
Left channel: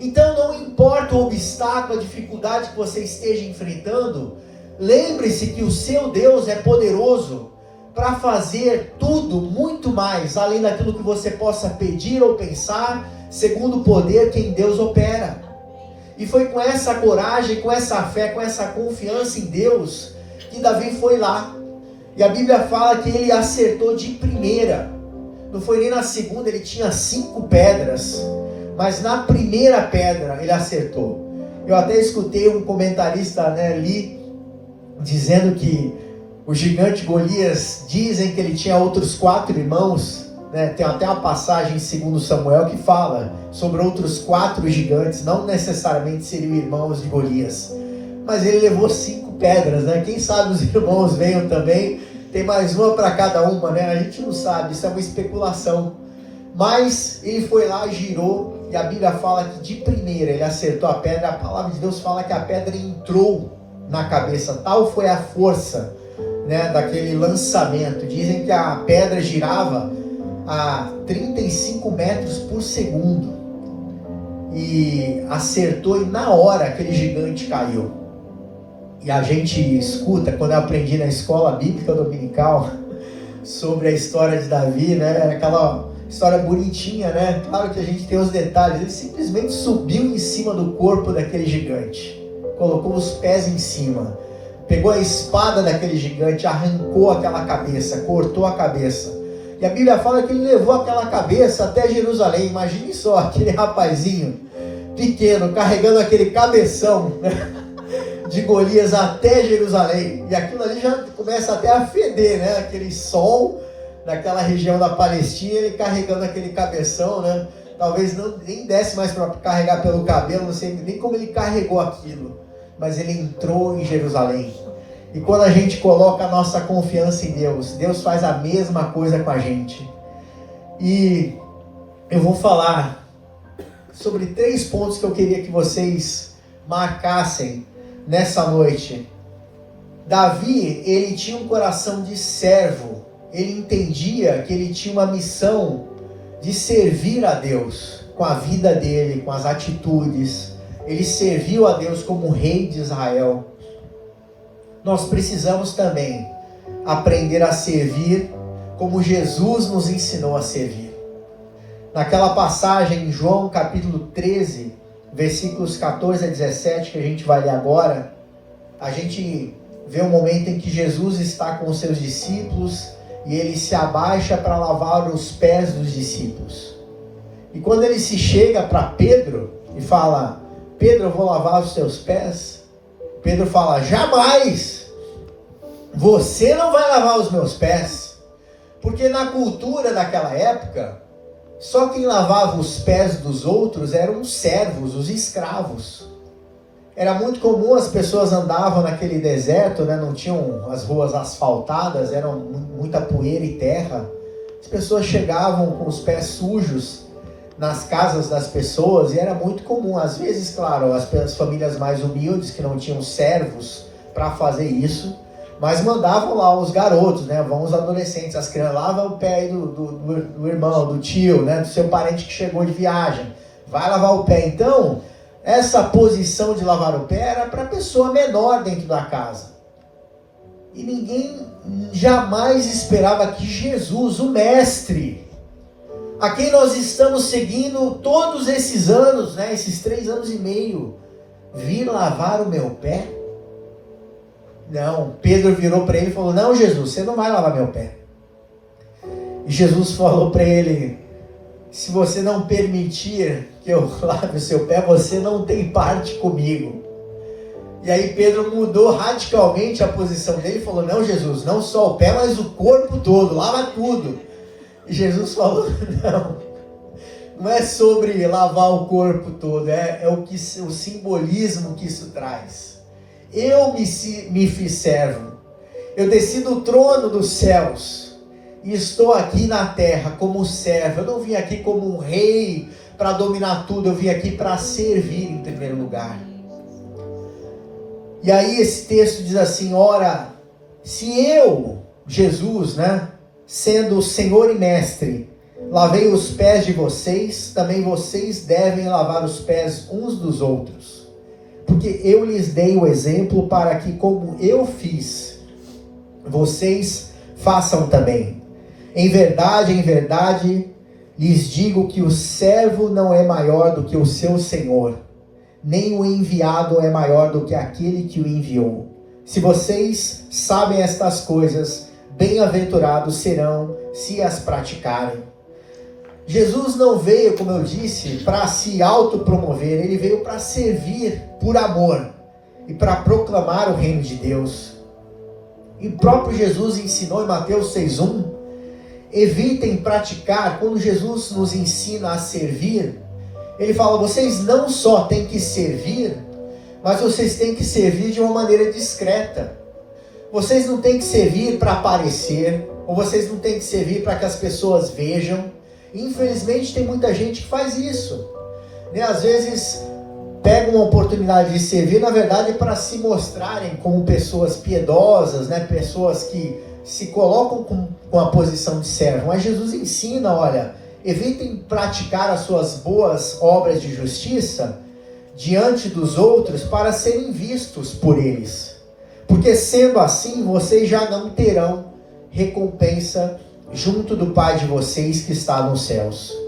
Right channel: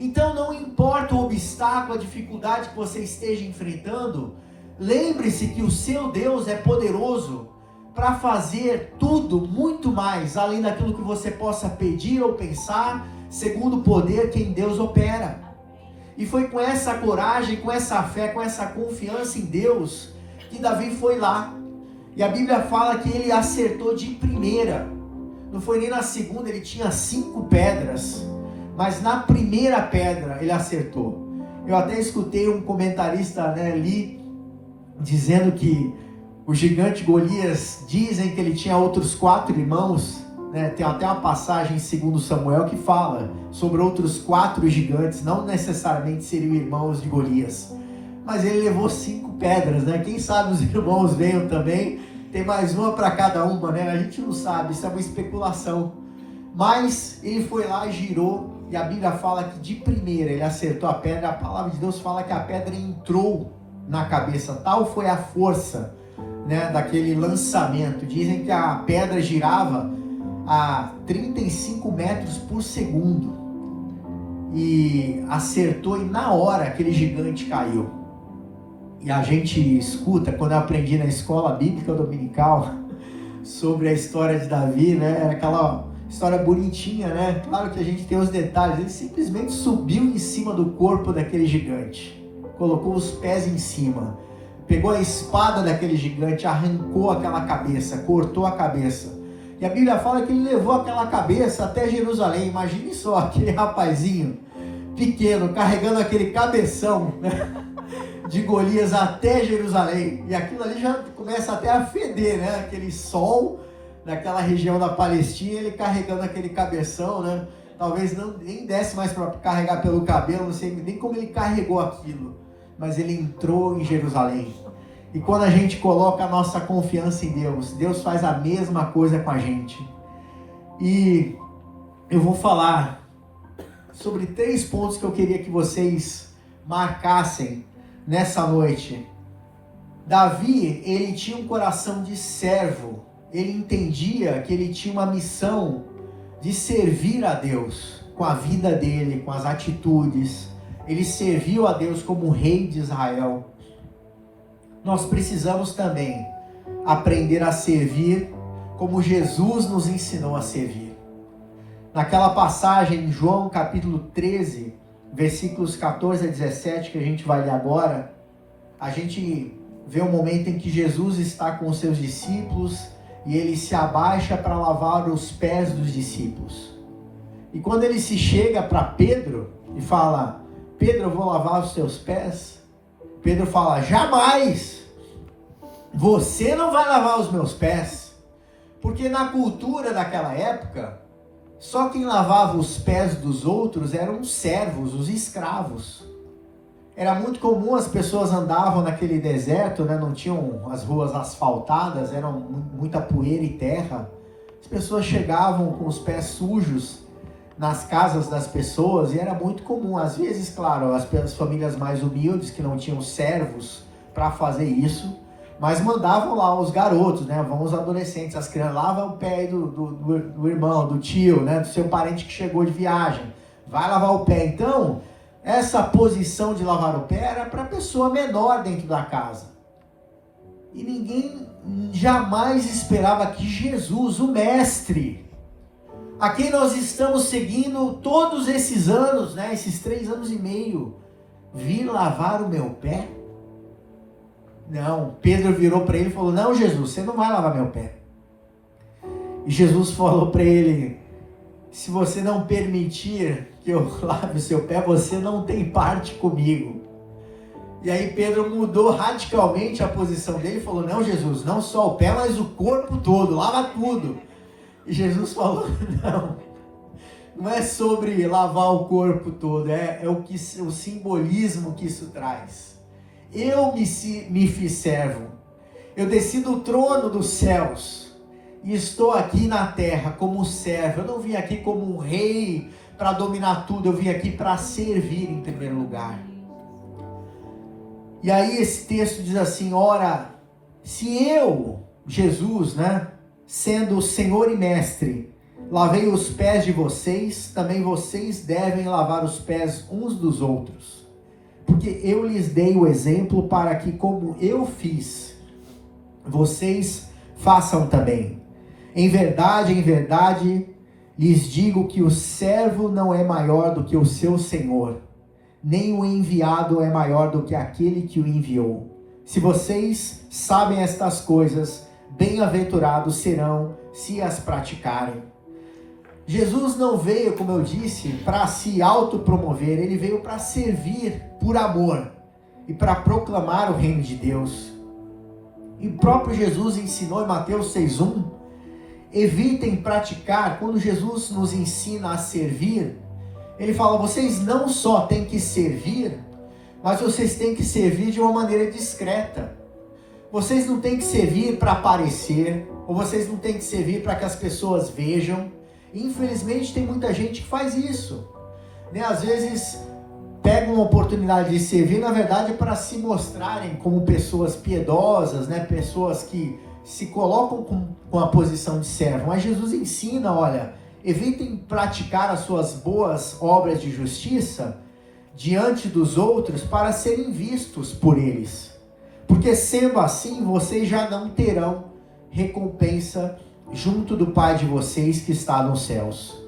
Então não importa o obstáculo, a dificuldade que você esteja enfrentando, lembre-se que o seu Deus é poderoso para fazer tudo, muito mais, além daquilo que você possa pedir ou pensar, segundo o poder que em Deus opera. E foi com essa coragem, com essa fé, com essa confiança em Deus, que Davi foi lá. E a Bíblia fala que ele acertou de primeira. Não foi nem na segunda, ele tinha 5 pedras. Mas na primeira pedra ele acertou. Eu até escutei um comentarista, né, ali, dizendo que o gigante Golias, dizem que ele tinha outros 4 irmãos. Né? Tem até uma passagem em 2 Samuel que fala sobre outros 4 gigantes, não necessariamente seriam irmãos de Golias, mas ele levou 5 pedras, né? Quem sabe os irmãos venham também, tem mais uma para cada uma, né? A gente não sabe, isso é uma especulação, Mas ele foi lá e girou, e a Bíblia fala que de primeira ele acertou a pedra. A palavra de Deus fala que a pedra entrou na cabeça, tal foi a força, né, daquele lançamento. Dizem que a pedra girava a 35 metros por segundo, e acertou, e na hora aquele gigante caiu. E a gente escuta, quando eu aprendi na escola bíblica dominical, sobre a história de Davi, né, aquela história bonitinha, né? Claro que a gente tem os detalhes. Ele simplesmente subiu em cima do corpo daquele gigante, colocou os pés em cima, pegou a espada daquele gigante, arrancou aquela cabeça, cortou a cabeça. E a Bíblia fala que ele levou aquela cabeça até Jerusalém. Imagine só, aquele rapazinho pequeno carregando aquele cabeção, né, de Golias até Jerusalém. E aquilo ali já começa até a feder, né? Aquele sol naquela região da Palestina, ele carregando aquele cabeção, né? Talvez nem desse mais para carregar pelo cabelo, não sei nem como ele carregou aquilo, mas ele entrou em Jerusalém. E quando a gente coloca a nossa confiança em Deus, Deus faz a mesma coisa com a gente. E eu vou falar sobre 3 pontos que eu queria que vocês marcassem nessa noite. Davi, ele tinha um coração de servo. Ele entendia que ele tinha uma missão de servir a Deus com a vida dele, com as atitudes. Ele serviu a Deus como rei de Israel. Nós precisamos também aprender a servir como Jesus nos ensinou a servir. Naquela passagem em João capítulo 13, versículos 14 a 17, que a gente vai ler agora, a gente vê um momento em que Jesus está com os seus discípulos e ele se abaixa para lavar os pés dos discípulos. E quando ele se chega para Pedro e fala: Pedro, eu vou lavar os seus pés. Pedro fala: jamais, você não vai lavar os meus pés. Porque na cultura daquela época, só quem lavava os pés dos outros eram os servos, os escravos. Era muito comum, as pessoas andavam naquele deserto, né? Não tinham as ruas asfaltadas, era muita poeira e terra. As pessoas chegavam com os pés sujos nas casas das pessoas, e era muito comum, às vezes, claro, as famílias mais humildes que não tinham servos para fazer isso, mas mandavam lá os garotos, né? Vão os adolescentes, as crianças, lavam o pé do irmão, do tio, né? Do seu parente que chegou de viagem, vai lavar o pé. Então, essa posição de lavar o pé era para a pessoa menor dentro da casa. E ninguém jamais esperava que Jesus, o mestre, a quem nós estamos seguindo todos esses anos, né, esses 3 anos e meio, vir lavar o meu pé? Não, Pedro virou para ele e falou: não, Jesus, você não vai lavar meu pé. E Jesus falou para ele: se você não permitir que eu lave o seu pé, você não tem parte comigo. E aí Pedro mudou radicalmente a posição dele e falou: não, Jesus, não só o pé, mas o corpo todo, lava tudo. E Jesus falou: não é sobre lavar o corpo todo, é o simbolismo que isso traz. Eu me fiz servo, eu desci do trono dos céus e estou aqui na terra como servo. Eu não vim aqui como um rei para dominar tudo, eu vim aqui para servir em primeiro lugar. E aí esse texto diz assim: ora, se eu, Jesus, né, sendo o Senhor e Mestre, lavei os pés de vocês, também vocês devem lavar os pés uns dos outros. Porque eu lhes dei o exemplo para que, como eu fiz, vocês façam também. Em verdade, lhes digo que o servo não é maior do que o seu senhor, nem o enviado é maior do que aquele que o enviou. Se vocês sabem estas coisas, bem-aventurados serão se as praticarem. Jesus não veio, como eu disse, para se autopromover, ele veio para servir por amor e para proclamar o reino de Deus. E o próprio Jesus ensinou em Mateus 6,1, evitem praticar. Quando Jesus nos ensina a servir, ele fala: vocês não só têm que servir, mas vocês têm que servir de uma maneira discreta. Vocês não têm que servir para aparecer, ou vocês não têm que servir para que as pessoas vejam. Infelizmente tem muita gente que faz isso, né? Às vezes pega uma oportunidade de servir, na verdade, para se mostrarem como pessoas piedosas, né? Pessoas que se colocam com a posição de servo. Mas Jesus ensina, olha, evitem praticar as suas boas obras de justiça diante dos outros para serem vistos por eles. Porque sendo assim, vocês já não terão recompensa junto do Pai de vocês que está nos céus.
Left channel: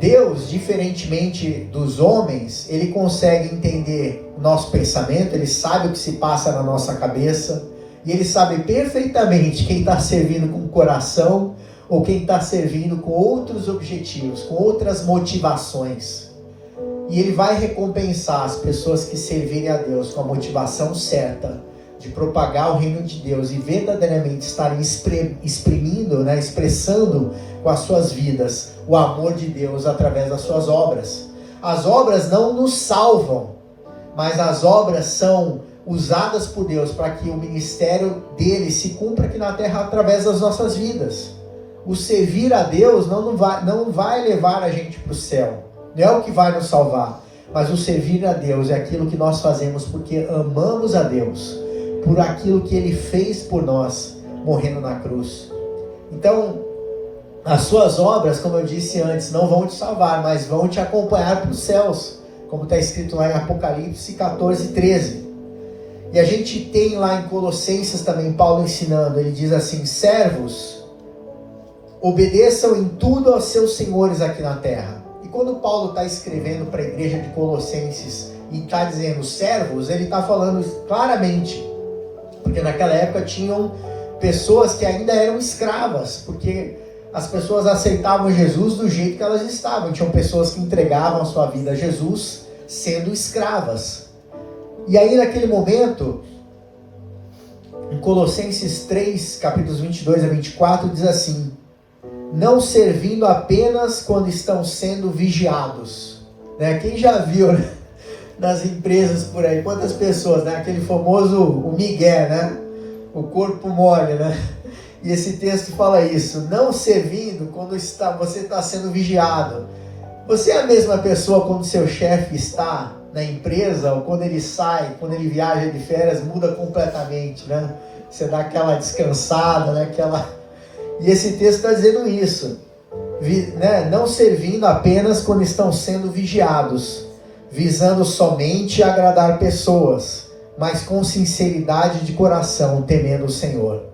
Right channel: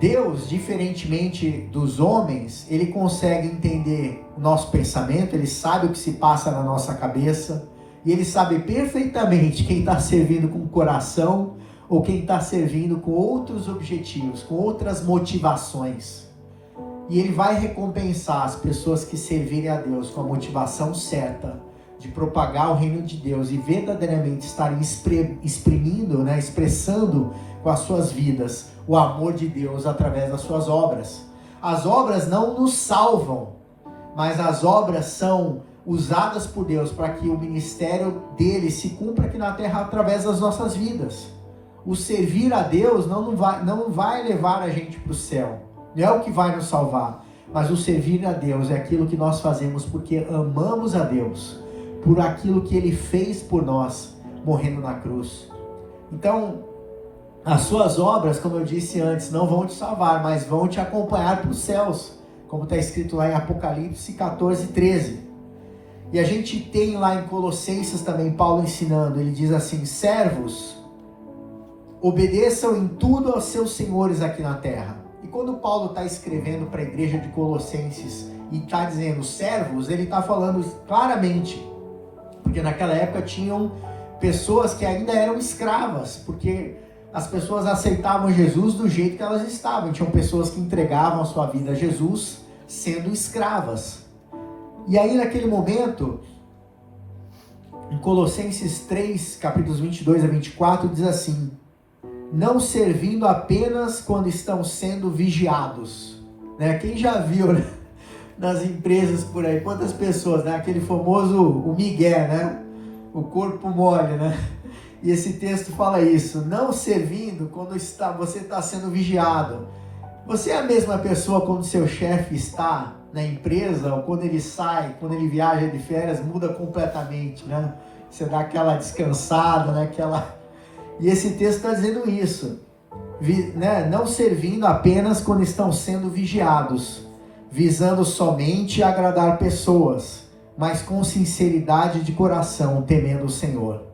Deus, diferentemente dos homens, ele consegue entender nosso pensamento, ele sabe o que se passa na nossa cabeça, e ele sabe perfeitamente quem está servindo com o coração ou quem está servindo com outros objetivos, com outras motivações. E ele vai recompensar as pessoas que servirem a Deus com a motivação certa de propagar o reino de Deus e verdadeiramente estarem exprimindo, né, expressando com as suas vidas o amor de Deus através das suas obras. As obras não nos salvam, mas as obras são usadas por Deus para que o ministério dele se cumpra aqui na terra através das nossas vidas. O servir a Deus não vai levar a gente para o céu, não é o que vai nos salvar, mas o servir a Deus é aquilo que nós fazemos porque amamos a Deus, por aquilo que ele fez por nós, morrendo na cruz. Então, as suas obras, como eu disse antes, não vão te salvar, mas vão te acompanhar para os céus, como está escrito lá em Apocalipse 14:13. E a gente tem lá em Colossenses também Paulo ensinando, ele diz assim: servos, obedeçam em tudo aos seus senhores aqui na terra. E quando Paulo está escrevendo para a igreja de Colossenses e está dizendo servos, ele está falando claramente, porque naquela época tinham pessoas que ainda eram escravas, porque as pessoas aceitavam Jesus do jeito que elas estavam. Tinham pessoas que entregavam a sua vida a Jesus sendo escravas. E aí naquele momento, em Colossenses 3, capítulos 22 a 24, diz assim: não servindo apenas quando estão sendo vigiados. Né? Quem já viu, né, nas empresas por aí, quantas pessoas, né? Aquele famoso, o migué, né? O corpo mole, né? E esse texto fala isso: não servindo quando você está sendo vigiado. Você é a mesma pessoa quando seu chefe está na empresa, ou quando ele sai, quando ele viaja de férias, muda completamente, né? Você dá aquela descansada, né? E esse texto está dizendo isso, né? Não servindo apenas quando estão sendo vigiados, visando somente agradar pessoas, mas com sinceridade de coração, temendo o Senhor.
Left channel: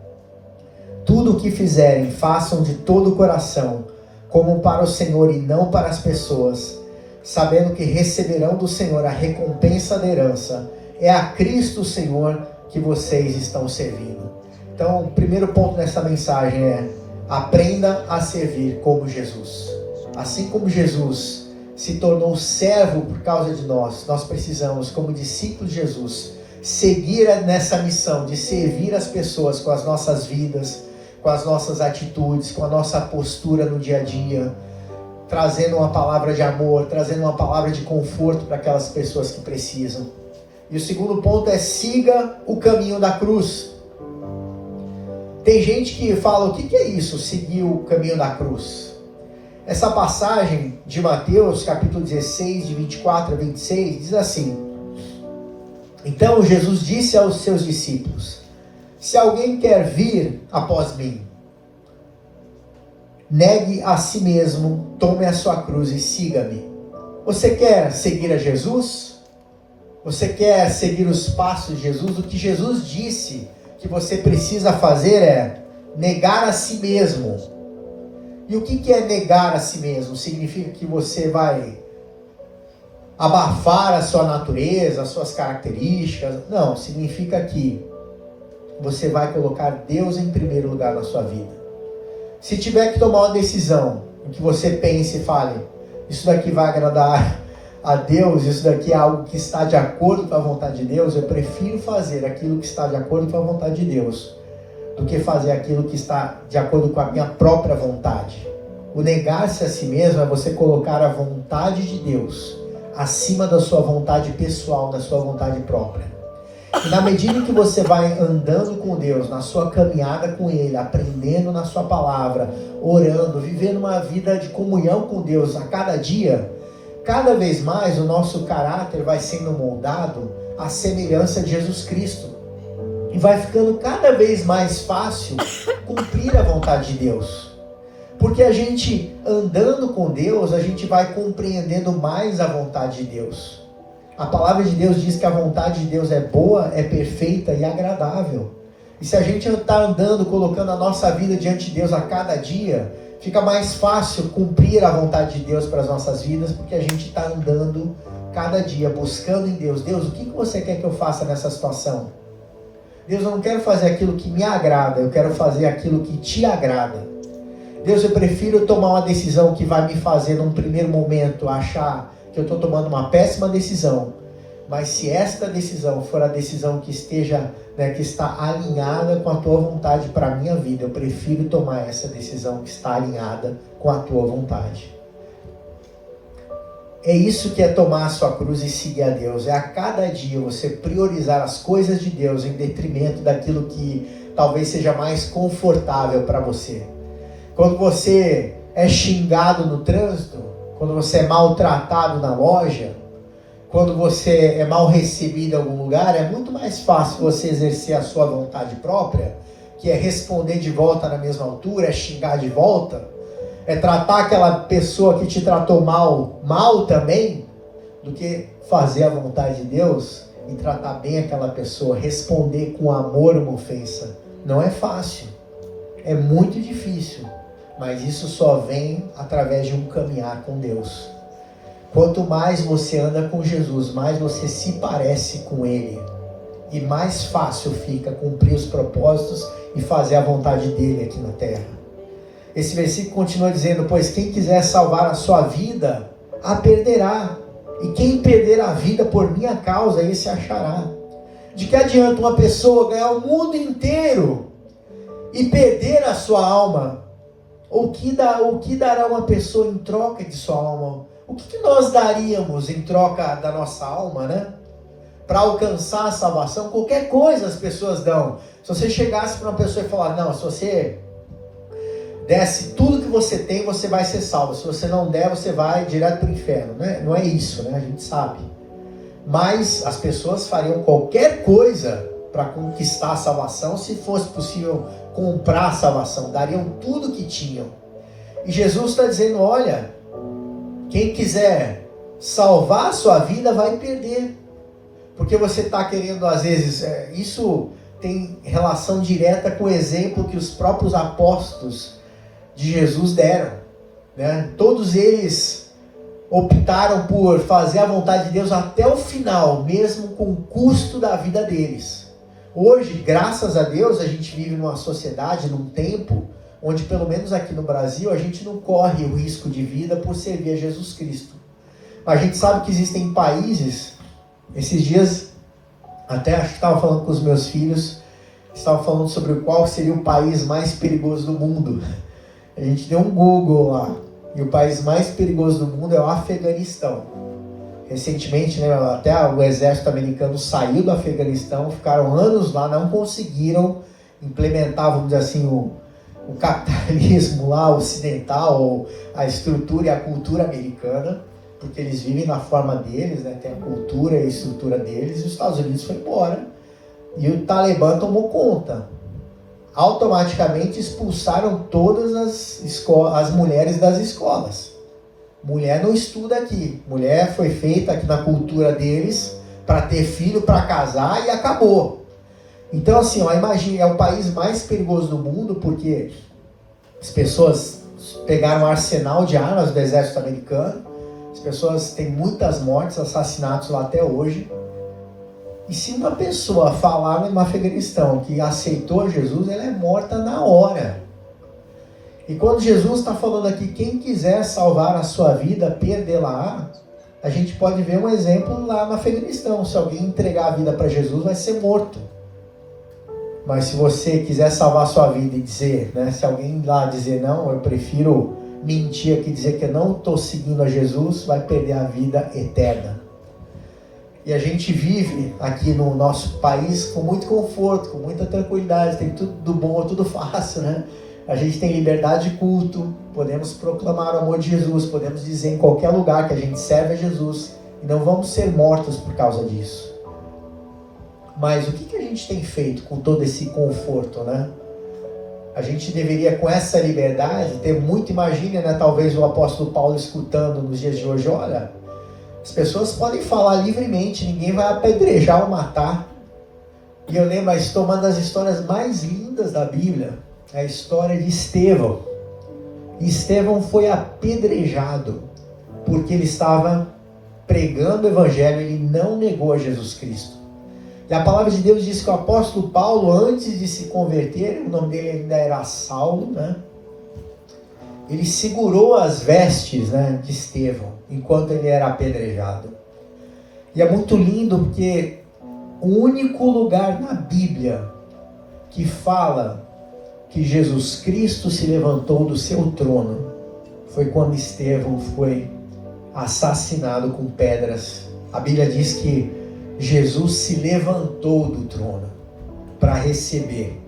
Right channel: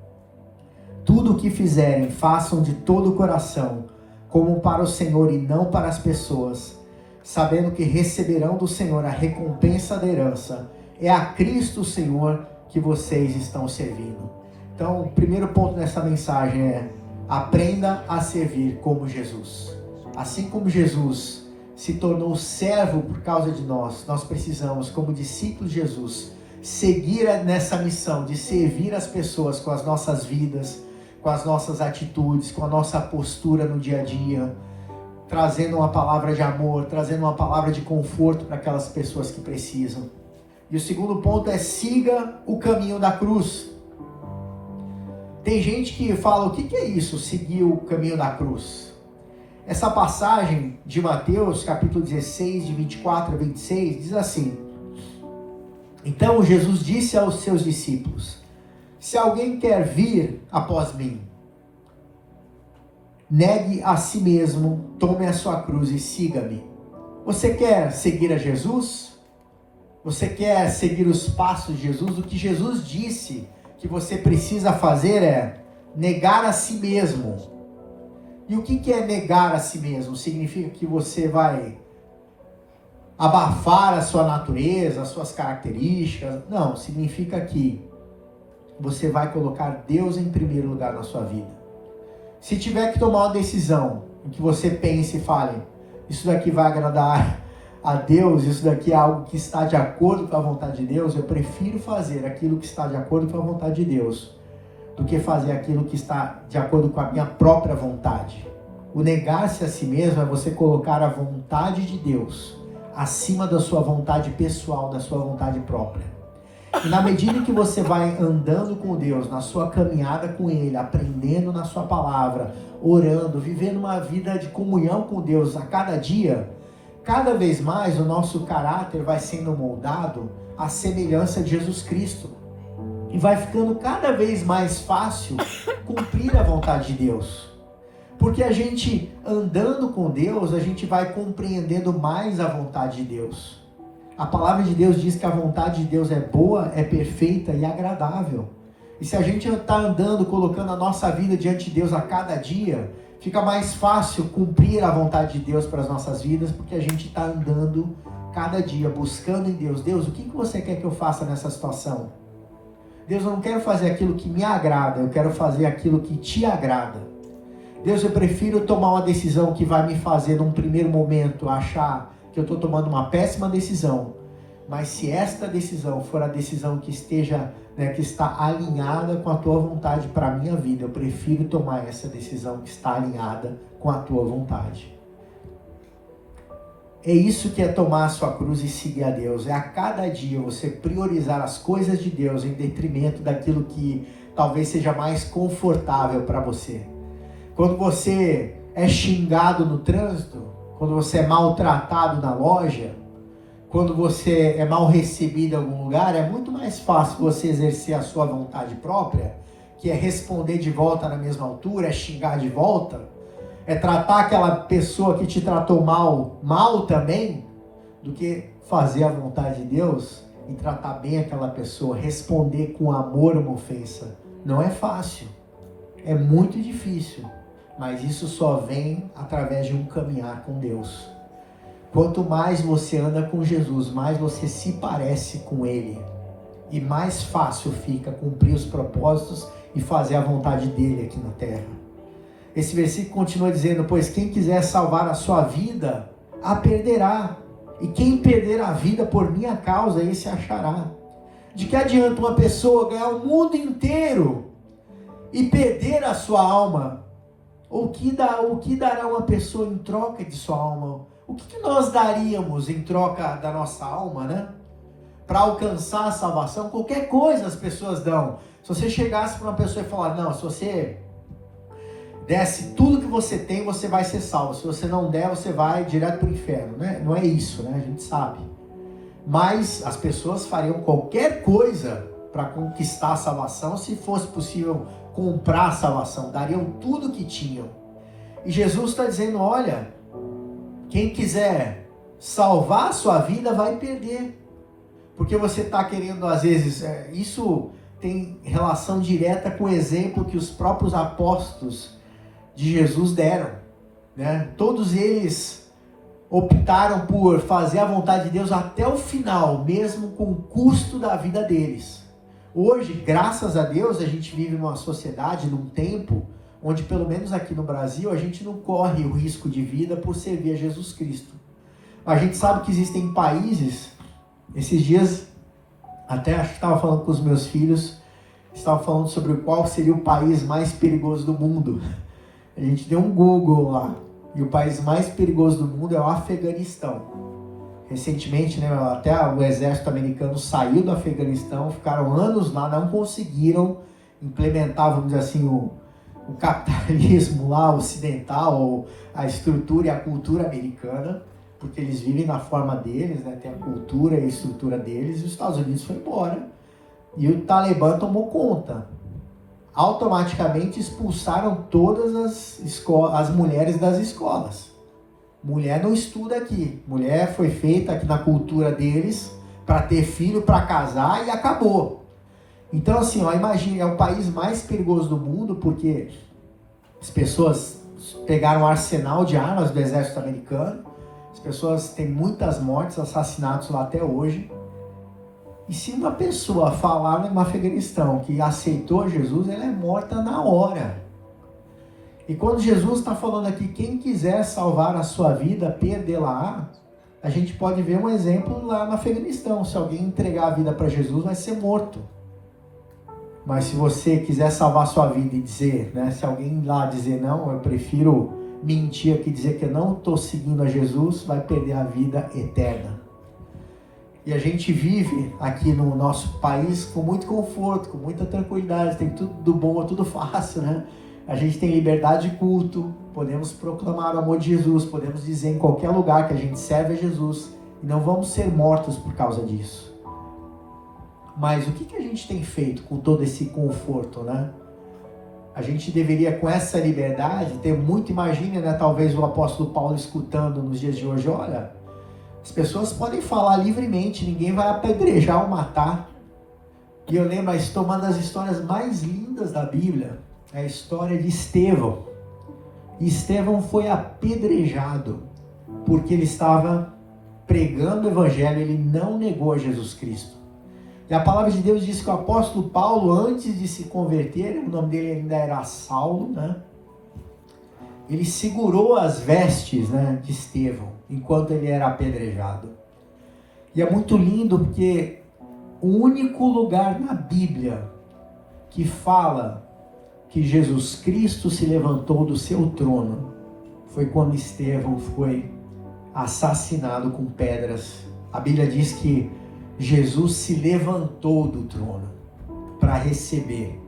Tudo o que fizerem, façam de todo o coração, como para o Senhor e não para as pessoas, sabendo que receberão do Senhor a recompensa da herança. É a Cristo o Senhor que vocês estão servindo. Então, o primeiro ponto dessa mensagem é: aprenda a servir como Jesus. Assim como Jesus se tornou servo por causa de nós, nós precisamos, como discípulos de Jesus, seguir nessa missão de servir as pessoas com as nossas vidas, com as nossas atitudes, com a nossa postura no dia a dia, trazendo uma palavra de amor, trazendo uma palavra de conforto para aquelas pessoas que precisam. E o segundo ponto é: siga o caminho da cruz. Tem gente que fala: o que é isso, seguir o caminho da cruz? Essa passagem de Mateus, capítulo 16, de 24 a 26, diz assim: então Jesus disse aos seus discípulos: se alguém quer vir após mim, negue a si mesmo, tome a sua cruz e siga-me. Você quer seguir a Jesus? Você quer seguir os passos de Jesus? O que Jesus disse que você precisa fazer é negar a si mesmo. E o que é negar a si mesmo? Significa que você vai abafar a sua natureza, as suas características? Não, significa que você vai colocar Deus em primeiro lugar na sua vida. Se tiver que tomar uma decisão em que você pense e fale: isso daqui vai agradar a Deus, isso daqui é algo que está de acordo com a vontade de Deus, eu prefiro fazer aquilo que está de acordo com a vontade de Deus do que fazer aquilo que está de acordo com a minha própria vontade. O negar-se a si mesmo é você colocar a vontade de Deus acima da sua vontade pessoal, da sua vontade própria. E na medida que você vai andando com Deus, na sua caminhada com Ele, aprendendo na sua palavra, orando, vivendo uma vida de comunhão com Deus a cada dia, cada vez mais o nosso caráter vai sendo moldado à semelhança de Jesus Cristo. E vai ficando cada vez mais fácil cumprir a vontade de Deus. Porque a gente andando com Deus, a gente vai compreendendo mais a vontade de Deus. A palavra de Deus diz que a vontade de Deus é boa, é perfeita e agradável. E se a gente está andando, colocando a nossa vida diante de Deus a cada dia, fica mais fácil cumprir a vontade de Deus para as nossas vidas, porque a gente está andando cada dia, buscando em Deus. Deus, o que você quer que eu faça nessa situação? Deus, eu não quero fazer aquilo que me agrada, eu quero fazer aquilo que te agrada. Deus, eu prefiro tomar uma decisão que vai me fazer, num primeiro momento, achar que eu estou tomando uma péssima decisão, mas se esta decisão for a decisão que esteja, que está alinhada com a tua vontade para a minha vida, eu prefiro tomar essa decisão que está alinhada com a tua vontade. É isso que é tomar a sua cruz e seguir a Deus. É a cada dia você priorizar as coisas de Deus em detrimento daquilo que talvez seja mais confortável para você. Quando você é xingado no trânsito, quando você é maltratado na loja, quando você é mal recebido em algum lugar, é muito mais fácil você exercer a sua vontade própria, que é responder de volta na mesma altura, é xingar de volta, é tratar aquela pessoa que te tratou mal também, do que fazer a vontade de Deus e tratar bem aquela pessoa, responder com amor uma ofensa. Não é fácil, é muito difícil. Mas isso só vem através de um caminhar com Deus. Quanto mais você anda com Jesus, mais você se parece com Ele. E mais fácil fica cumprir os propósitos e fazer a vontade dEle aqui na terra. Esse versículo continua dizendo, pois quem quiser salvar a sua vida, a perderá. E quem perder a vida por minha causa, esse achará. De que adianta uma pessoa ganhar o mundo inteiro e perder a sua alma? O que dará uma pessoa em troca de sua alma? O que nós daríamos em troca da nossa alma, né? Para alcançar a salvação, qualquer coisa as pessoas dão. Se você chegasse para uma pessoa e falar, não, se você desse tudo que você tem, você vai ser salvo. Se você não der, você vai direto para o inferno, né? Não é isso, né? A gente sabe. Mas as pessoas fariam qualquer coisa para conquistar a salvação, se fosse possível comprar a salvação, dariam tudo que tinham. E Jesus está dizendo, olha, quem quiser salvar a sua vida vai perder, porque você está querendo, às vezes, isso tem relação direta com o exemplo que os próprios apóstolos de Jesus deram, né? Todos eles optaram por fazer a vontade de Deus até o final, mesmo com o custo da vida deles. Hoje, graças a Deus, a gente vive numa sociedade, num tempo, onde pelo menos aqui no Brasil, a gente não corre o risco de vida por servir a Jesus Cristo. A gente sabe que existem países, esses dias, até acho que estava falando com os meus filhos, estava falando sobre qual seria o país mais perigoso do mundo. A gente deu um Google lá, e o país mais perigoso do mundo é o Afeganistão. Recentemente, né, até o exército americano saiu do Afeganistão, ficaram anos lá, não conseguiram implementar, vamos dizer assim, o capitalismo lá ocidental, a estrutura e a cultura americana, porque eles vivem na forma deles, né, tem a cultura e a estrutura deles, e os Estados Unidos foi embora. E o Talibã tomou conta. Automaticamente expulsaram todas as mulheres das escolas. Mulher não estuda aqui. Mulher foi feita aqui na cultura deles para ter filho, para casar e acabou. Então assim, imagine, é o país mais perigoso do mundo porque as pessoas pegaram o arsenal de armas do exército americano. As pessoas têm muitas mortes, assassinatos lá até hoje. E se uma pessoa falar no Afeganistão que aceitou Jesus, ela é morta na hora. E quando Jesus está falando aqui, quem quiser salvar a sua vida, perdê-la, a gente pode ver um exemplo lá no Afeganistão. Se alguém entregar a vida para Jesus, vai ser morto. Mas se você quiser salvar a sua vida e dizer, né, se alguém lá dizer, não, eu prefiro mentir aqui, dizer que eu não estou seguindo a Jesus, vai perder a vida eterna. E a gente vive aqui no nosso país com muito conforto, com muita tranquilidade, tem tudo bom, tudo fácil, né? A gente tem liberdade de culto, podemos proclamar o amor de Jesus, podemos dizer em qualquer lugar que a gente serve a Jesus e não vamos ser mortos por causa disso. Mas o que a gente tem feito com todo esse conforto, né? A gente deveria, com essa liberdade, ter muito, imagina, né? Talvez o apóstolo Paulo escutando nos dias de hoje, olha, as pessoas podem falar livremente, ninguém vai apedrejar ou matar. E eu lembro, uma das histórias mais lindas da Bíblia, é a história de Estevão. Estevão foi apedrejado porque ele estava pregando o evangelho, ele não negou a Jesus Cristo. E a palavra de Deus diz que o apóstolo Paulo, antes de se converter, o nome dele ainda era Saulo, né? Ele segurou as vestes, né, de Estevão, enquanto ele era apedrejado. E é muito lindo porque o único lugar na Bíblia que fala que Jesus Cristo se levantou do seu trono foi quando Estevão foi assassinado com pedras. A Bíblia diz que Jesus se levantou do trono para receber.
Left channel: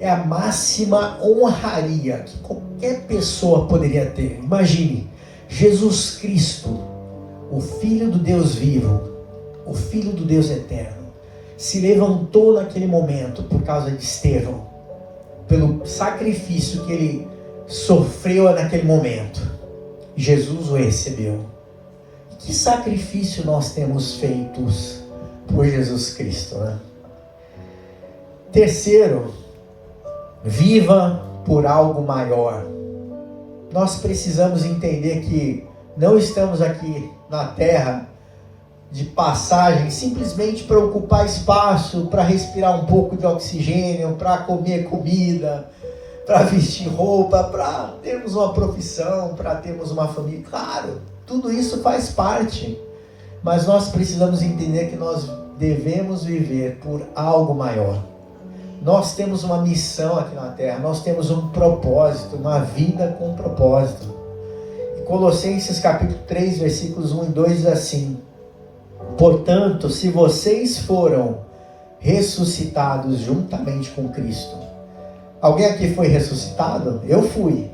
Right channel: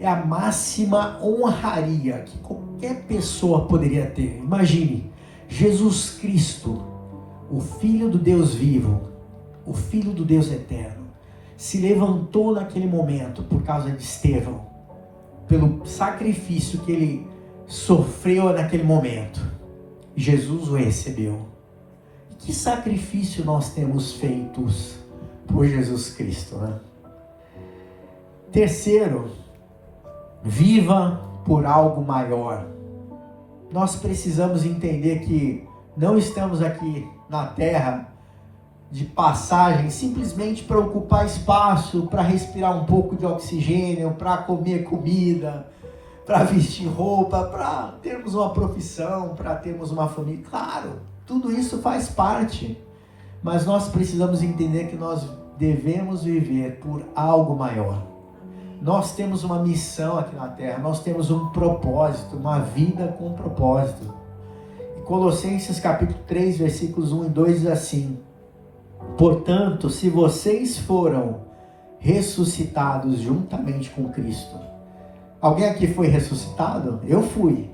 É a máxima honraria que qualquer pessoa poderia ter. Imagine, Jesus Cristo, o Filho do Deus vivo, o Filho do Deus eterno, se levantou naquele momento por causa de Estevão, pelo sacrifício que ele sofreu naquele momento. Jesus o recebeu. Que sacrifício nós temos feito por Jesus Cristo, né? Terceiro, viva por algo maior. Nós precisamos entender que não estamos aqui na terra de passagem simplesmente para ocupar espaço, para respirar um pouco de oxigênio, para comer comida, para vestir roupa, para termos uma profissão, para termos uma família. Claro, tudo isso faz parte, mas nós precisamos entender que nós devemos viver por algo maior. Nós temos uma missão aqui na terra, nós temos um propósito, uma vida com propósito. Em Colossenses capítulo 3, versículos 1 e 2 diz assim: portanto, se vocês foram ressuscitados juntamente com Cristo. Alguém aqui foi ressuscitado? Eu fui.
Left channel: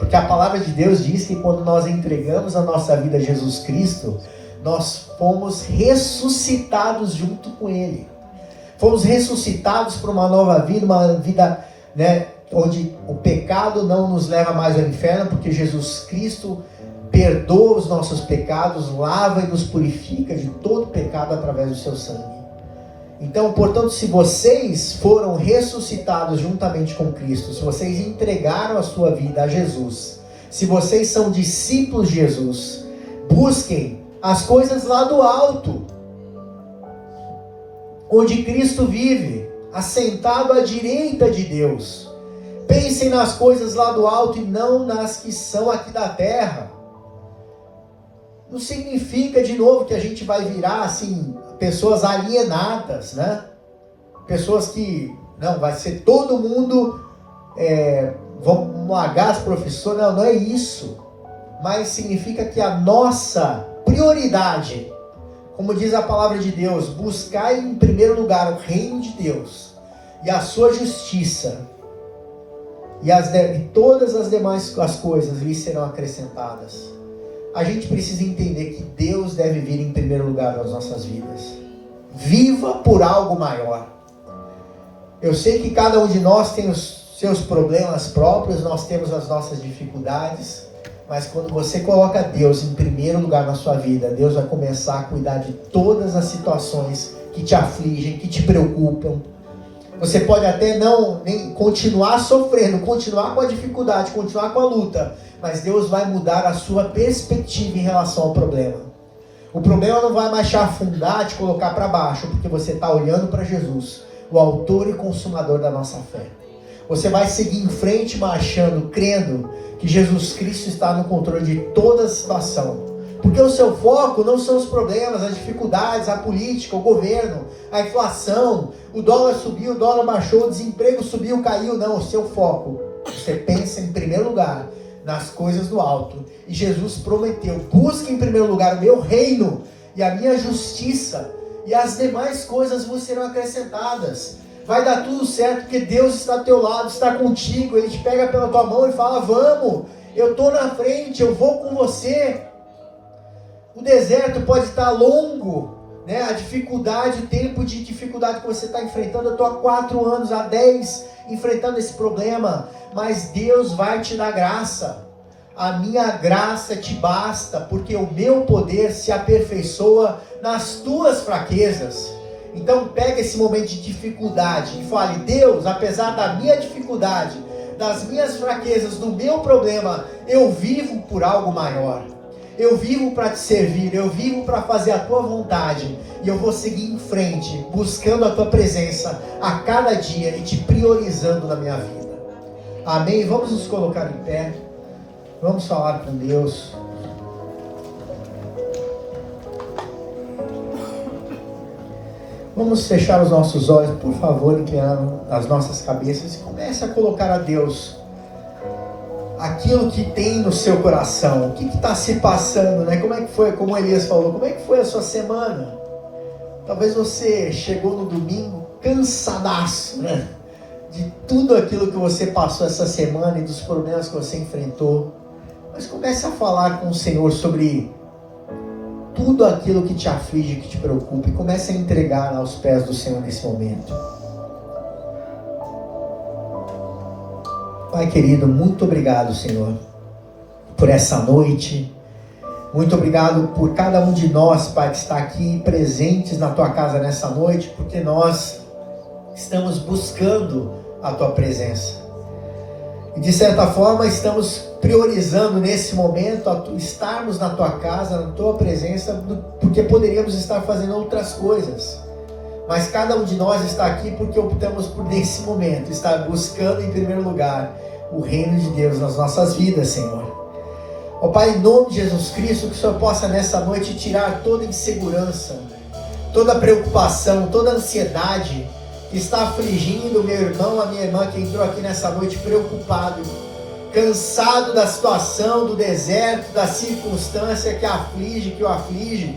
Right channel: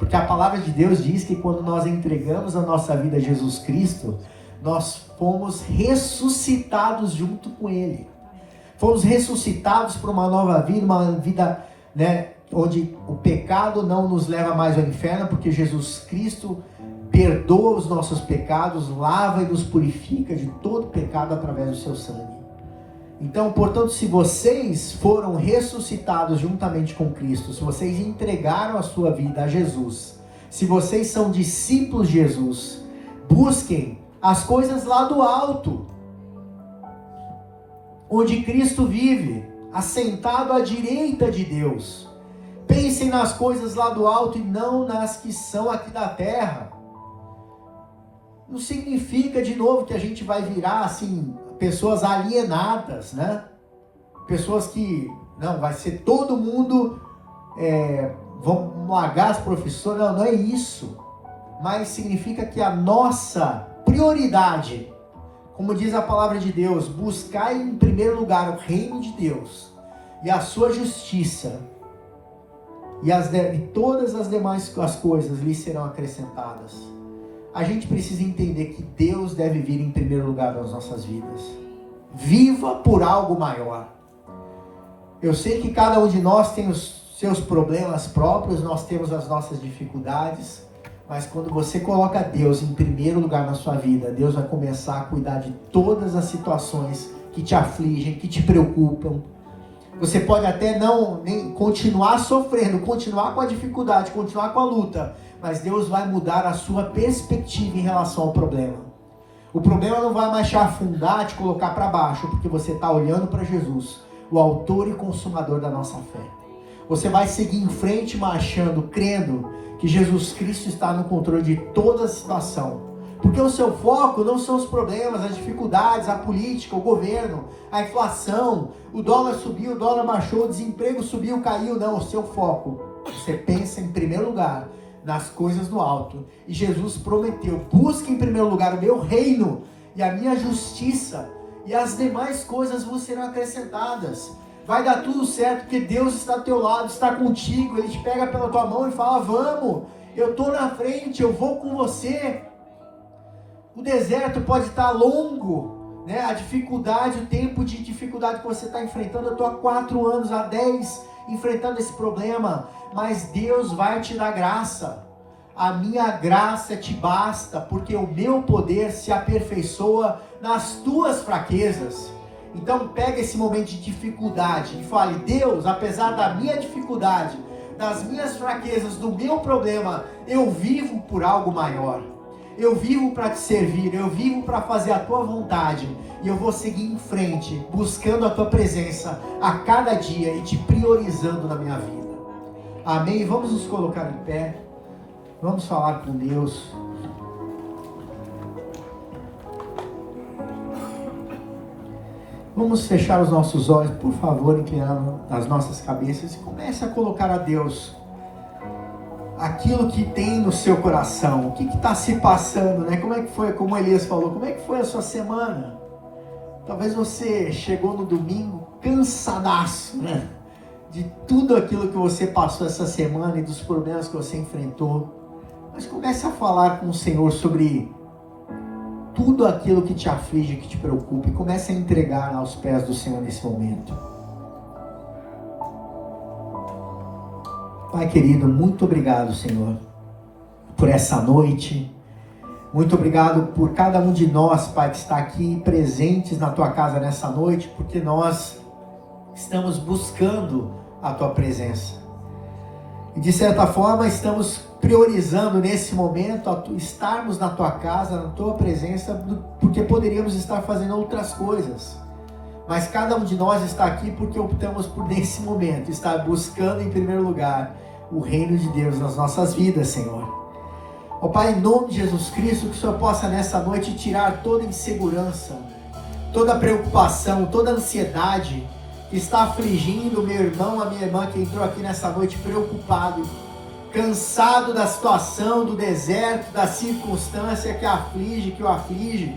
Porque a palavra de Deus diz que quando nós entregamos a nossa vida a Jesus Cristo, nós fomos ressuscitados junto com Ele. Fomos ressuscitados para uma nova vida, uma vida, né, onde o pecado não nos leva mais ao inferno, porque Jesus Cristo perdoa os nossos pecados, lava e nos purifica de todo pecado através do seu sangue. Então, portanto, se vocês foram ressuscitados juntamente com Cristo, se vocês entregaram a sua vida a Jesus, se vocês são discípulos de Jesus, busquem as coisas lá do alto, onde Cristo vive, assentado à direita de Deus. Pensem nas coisas lá do alto e não nas que são aqui da terra. Não significa, de novo, que a gente vai virar, assim, pessoas alienadas, né? Pessoas que, não, vai ser todo mundo, vão largar as profissões, não é isso. Mas significa que a nossa prioridade, como diz a palavra de Deus, buscai em primeiro lugar o reino de Deus e a sua justiça, e todas as demais as coisas lhe serão acrescentadas. A gente precisa entender que Deus deve vir em primeiro lugar nas nossas vidas. Viva por algo maior. Eu sei que cada um de nós tem os seus problemas próprios, nós temos as nossas dificuldades, mas quando você coloca Deus em primeiro lugar na sua vida, Deus vai começar a cuidar de todas as situações que te afligem, que te preocupam. Você pode até nem continuar sofrendo, continuar com a dificuldade, continuar com a luta, mas Deus vai mudar a sua perspectiva em relação ao problema. O problema não vai mais te afundar, te colocar para baixo, porque você está olhando para Jesus, o autor e consumador da nossa fé. Você vai seguir em frente, marchando, crendo que Jesus Cristo está no controle de toda a situação. Porque o seu foco não são os problemas, as dificuldades, a política, o governo, a inflação, o dólar subiu, o dólar baixou, o desemprego subiu, caiu. Não, o seu foco. Você pensa em primeiro lugar nas coisas do alto. E Jesus prometeu: busque em primeiro lugar o meu reino e a minha justiça, e as demais coisas vos serão acrescentadas. Vai dar tudo certo, porque Deus está ao teu lado, está contigo. Ele te pega pela tua mão e fala: vamos, eu estou na frente, eu vou com você. O deserto pode estar longo, né? A dificuldade, o tempo de dificuldade que você está enfrentando. Eu estou há 4 anos, há 10 enfrentando esse problema, mas Deus vai te dar graça. A minha graça te basta, porque o meu poder se aperfeiçoa nas tuas fraquezas. Então pega esse momento de dificuldade e fale: Deus, apesar da minha dificuldade, das minhas fraquezas, do meu problema, eu vivo por algo maior. Eu vivo para te servir, eu vivo para fazer a tua vontade, e eu vou seguir em frente, buscando a tua presença a cada dia e te priorizando na minha vida. Amém? Vamos nos colocar em pé, vamos falar com Deus. Vamos fechar os nossos olhos, por favor, inclinando as nossas cabeças, e comece a colocar a Deus aquilo que tem no seu coração. O que está se passando, né? Como é que foi, como Elias falou, como é que foi a sua semana? Talvez você chegou no domingo cansadaço, né? De tudo aquilo que você passou essa semana e dos problemas que você enfrentou. Mas comece a falar com o Senhor sobre tudo aquilo que te aflige, que te preocupa, e comece a entregar aos pés do Senhor nesse momento. Pai querido, muito obrigado, Senhor, por essa noite. Muito obrigado por cada um de nós, Pai, que está aqui presentes na Tua casa nessa noite, porque nós estamos buscando a Tua presença. E de certa forma estamos priorizando nesse momento estarmos na Tua casa, na Tua presença, porque poderíamos estar fazendo outras coisas. Mas cada um de nós está aqui porque optamos por, nesse momento, estar buscando em primeiro lugar o reino de Deus nas nossas vidas, Senhor. Ó Pai, em nome de Jesus Cristo, que o Senhor possa nessa noite tirar toda insegurança, toda preocupação, toda ansiedade que está afligindo o meu irmão, a minha irmã que entrou aqui nessa noite preocupado, cansado da situação, do deserto, da circunstância que aflige, que o aflige.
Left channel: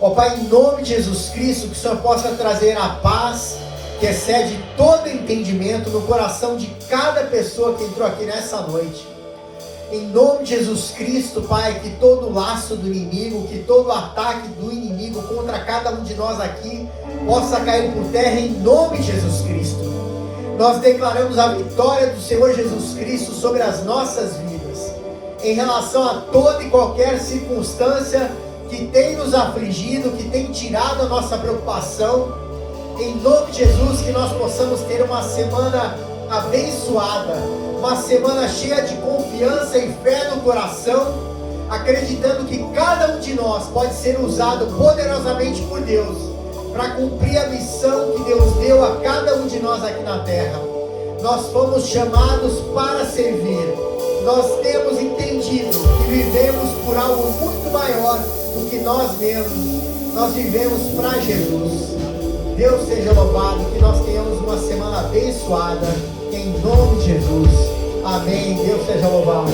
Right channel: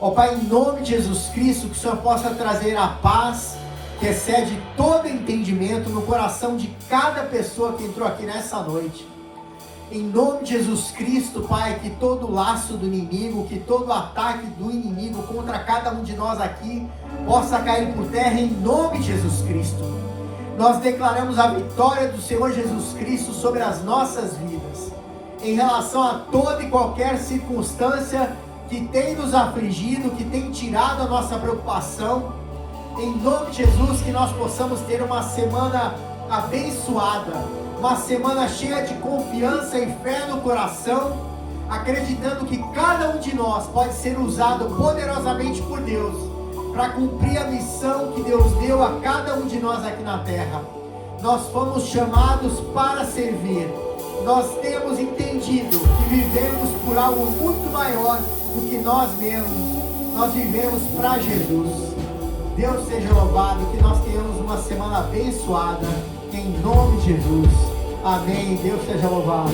Ó Pai, em nome de Jesus Cristo, que o Senhor possa trazer a paz que excede todo entendimento no coração de cada pessoa que entrou aqui nessa noite. Em nome de Jesus Cristo, Pai, que todo laço do inimigo, que todo ataque do inimigo contra cada um de nós aqui possa cair por terra em nome de Jesus Cristo. Nós declaramos a vitória do Senhor Jesus Cristo sobre as nossas vidas, em relação a toda e qualquer circunstância que tem nos afligido, que tem tirado a nossa preocupação. Em nome de Jesus, que nós possamos ter uma semana abençoada, uma semana cheia de confiança e fé no coração, acreditando que cada um de nós pode ser usado poderosamente por Deus, para cumprir a missão que Deus deu a cada um de nós aqui na terra. Nós fomos chamados para servir. Nós temos entendido que vivemos por algo muito maior do que nós mesmos. Nós vivemos para Jesus. Deus seja louvado, que nós tenhamos uma semana abençoada, em nome de Jesus. Amém. Deus seja louvado.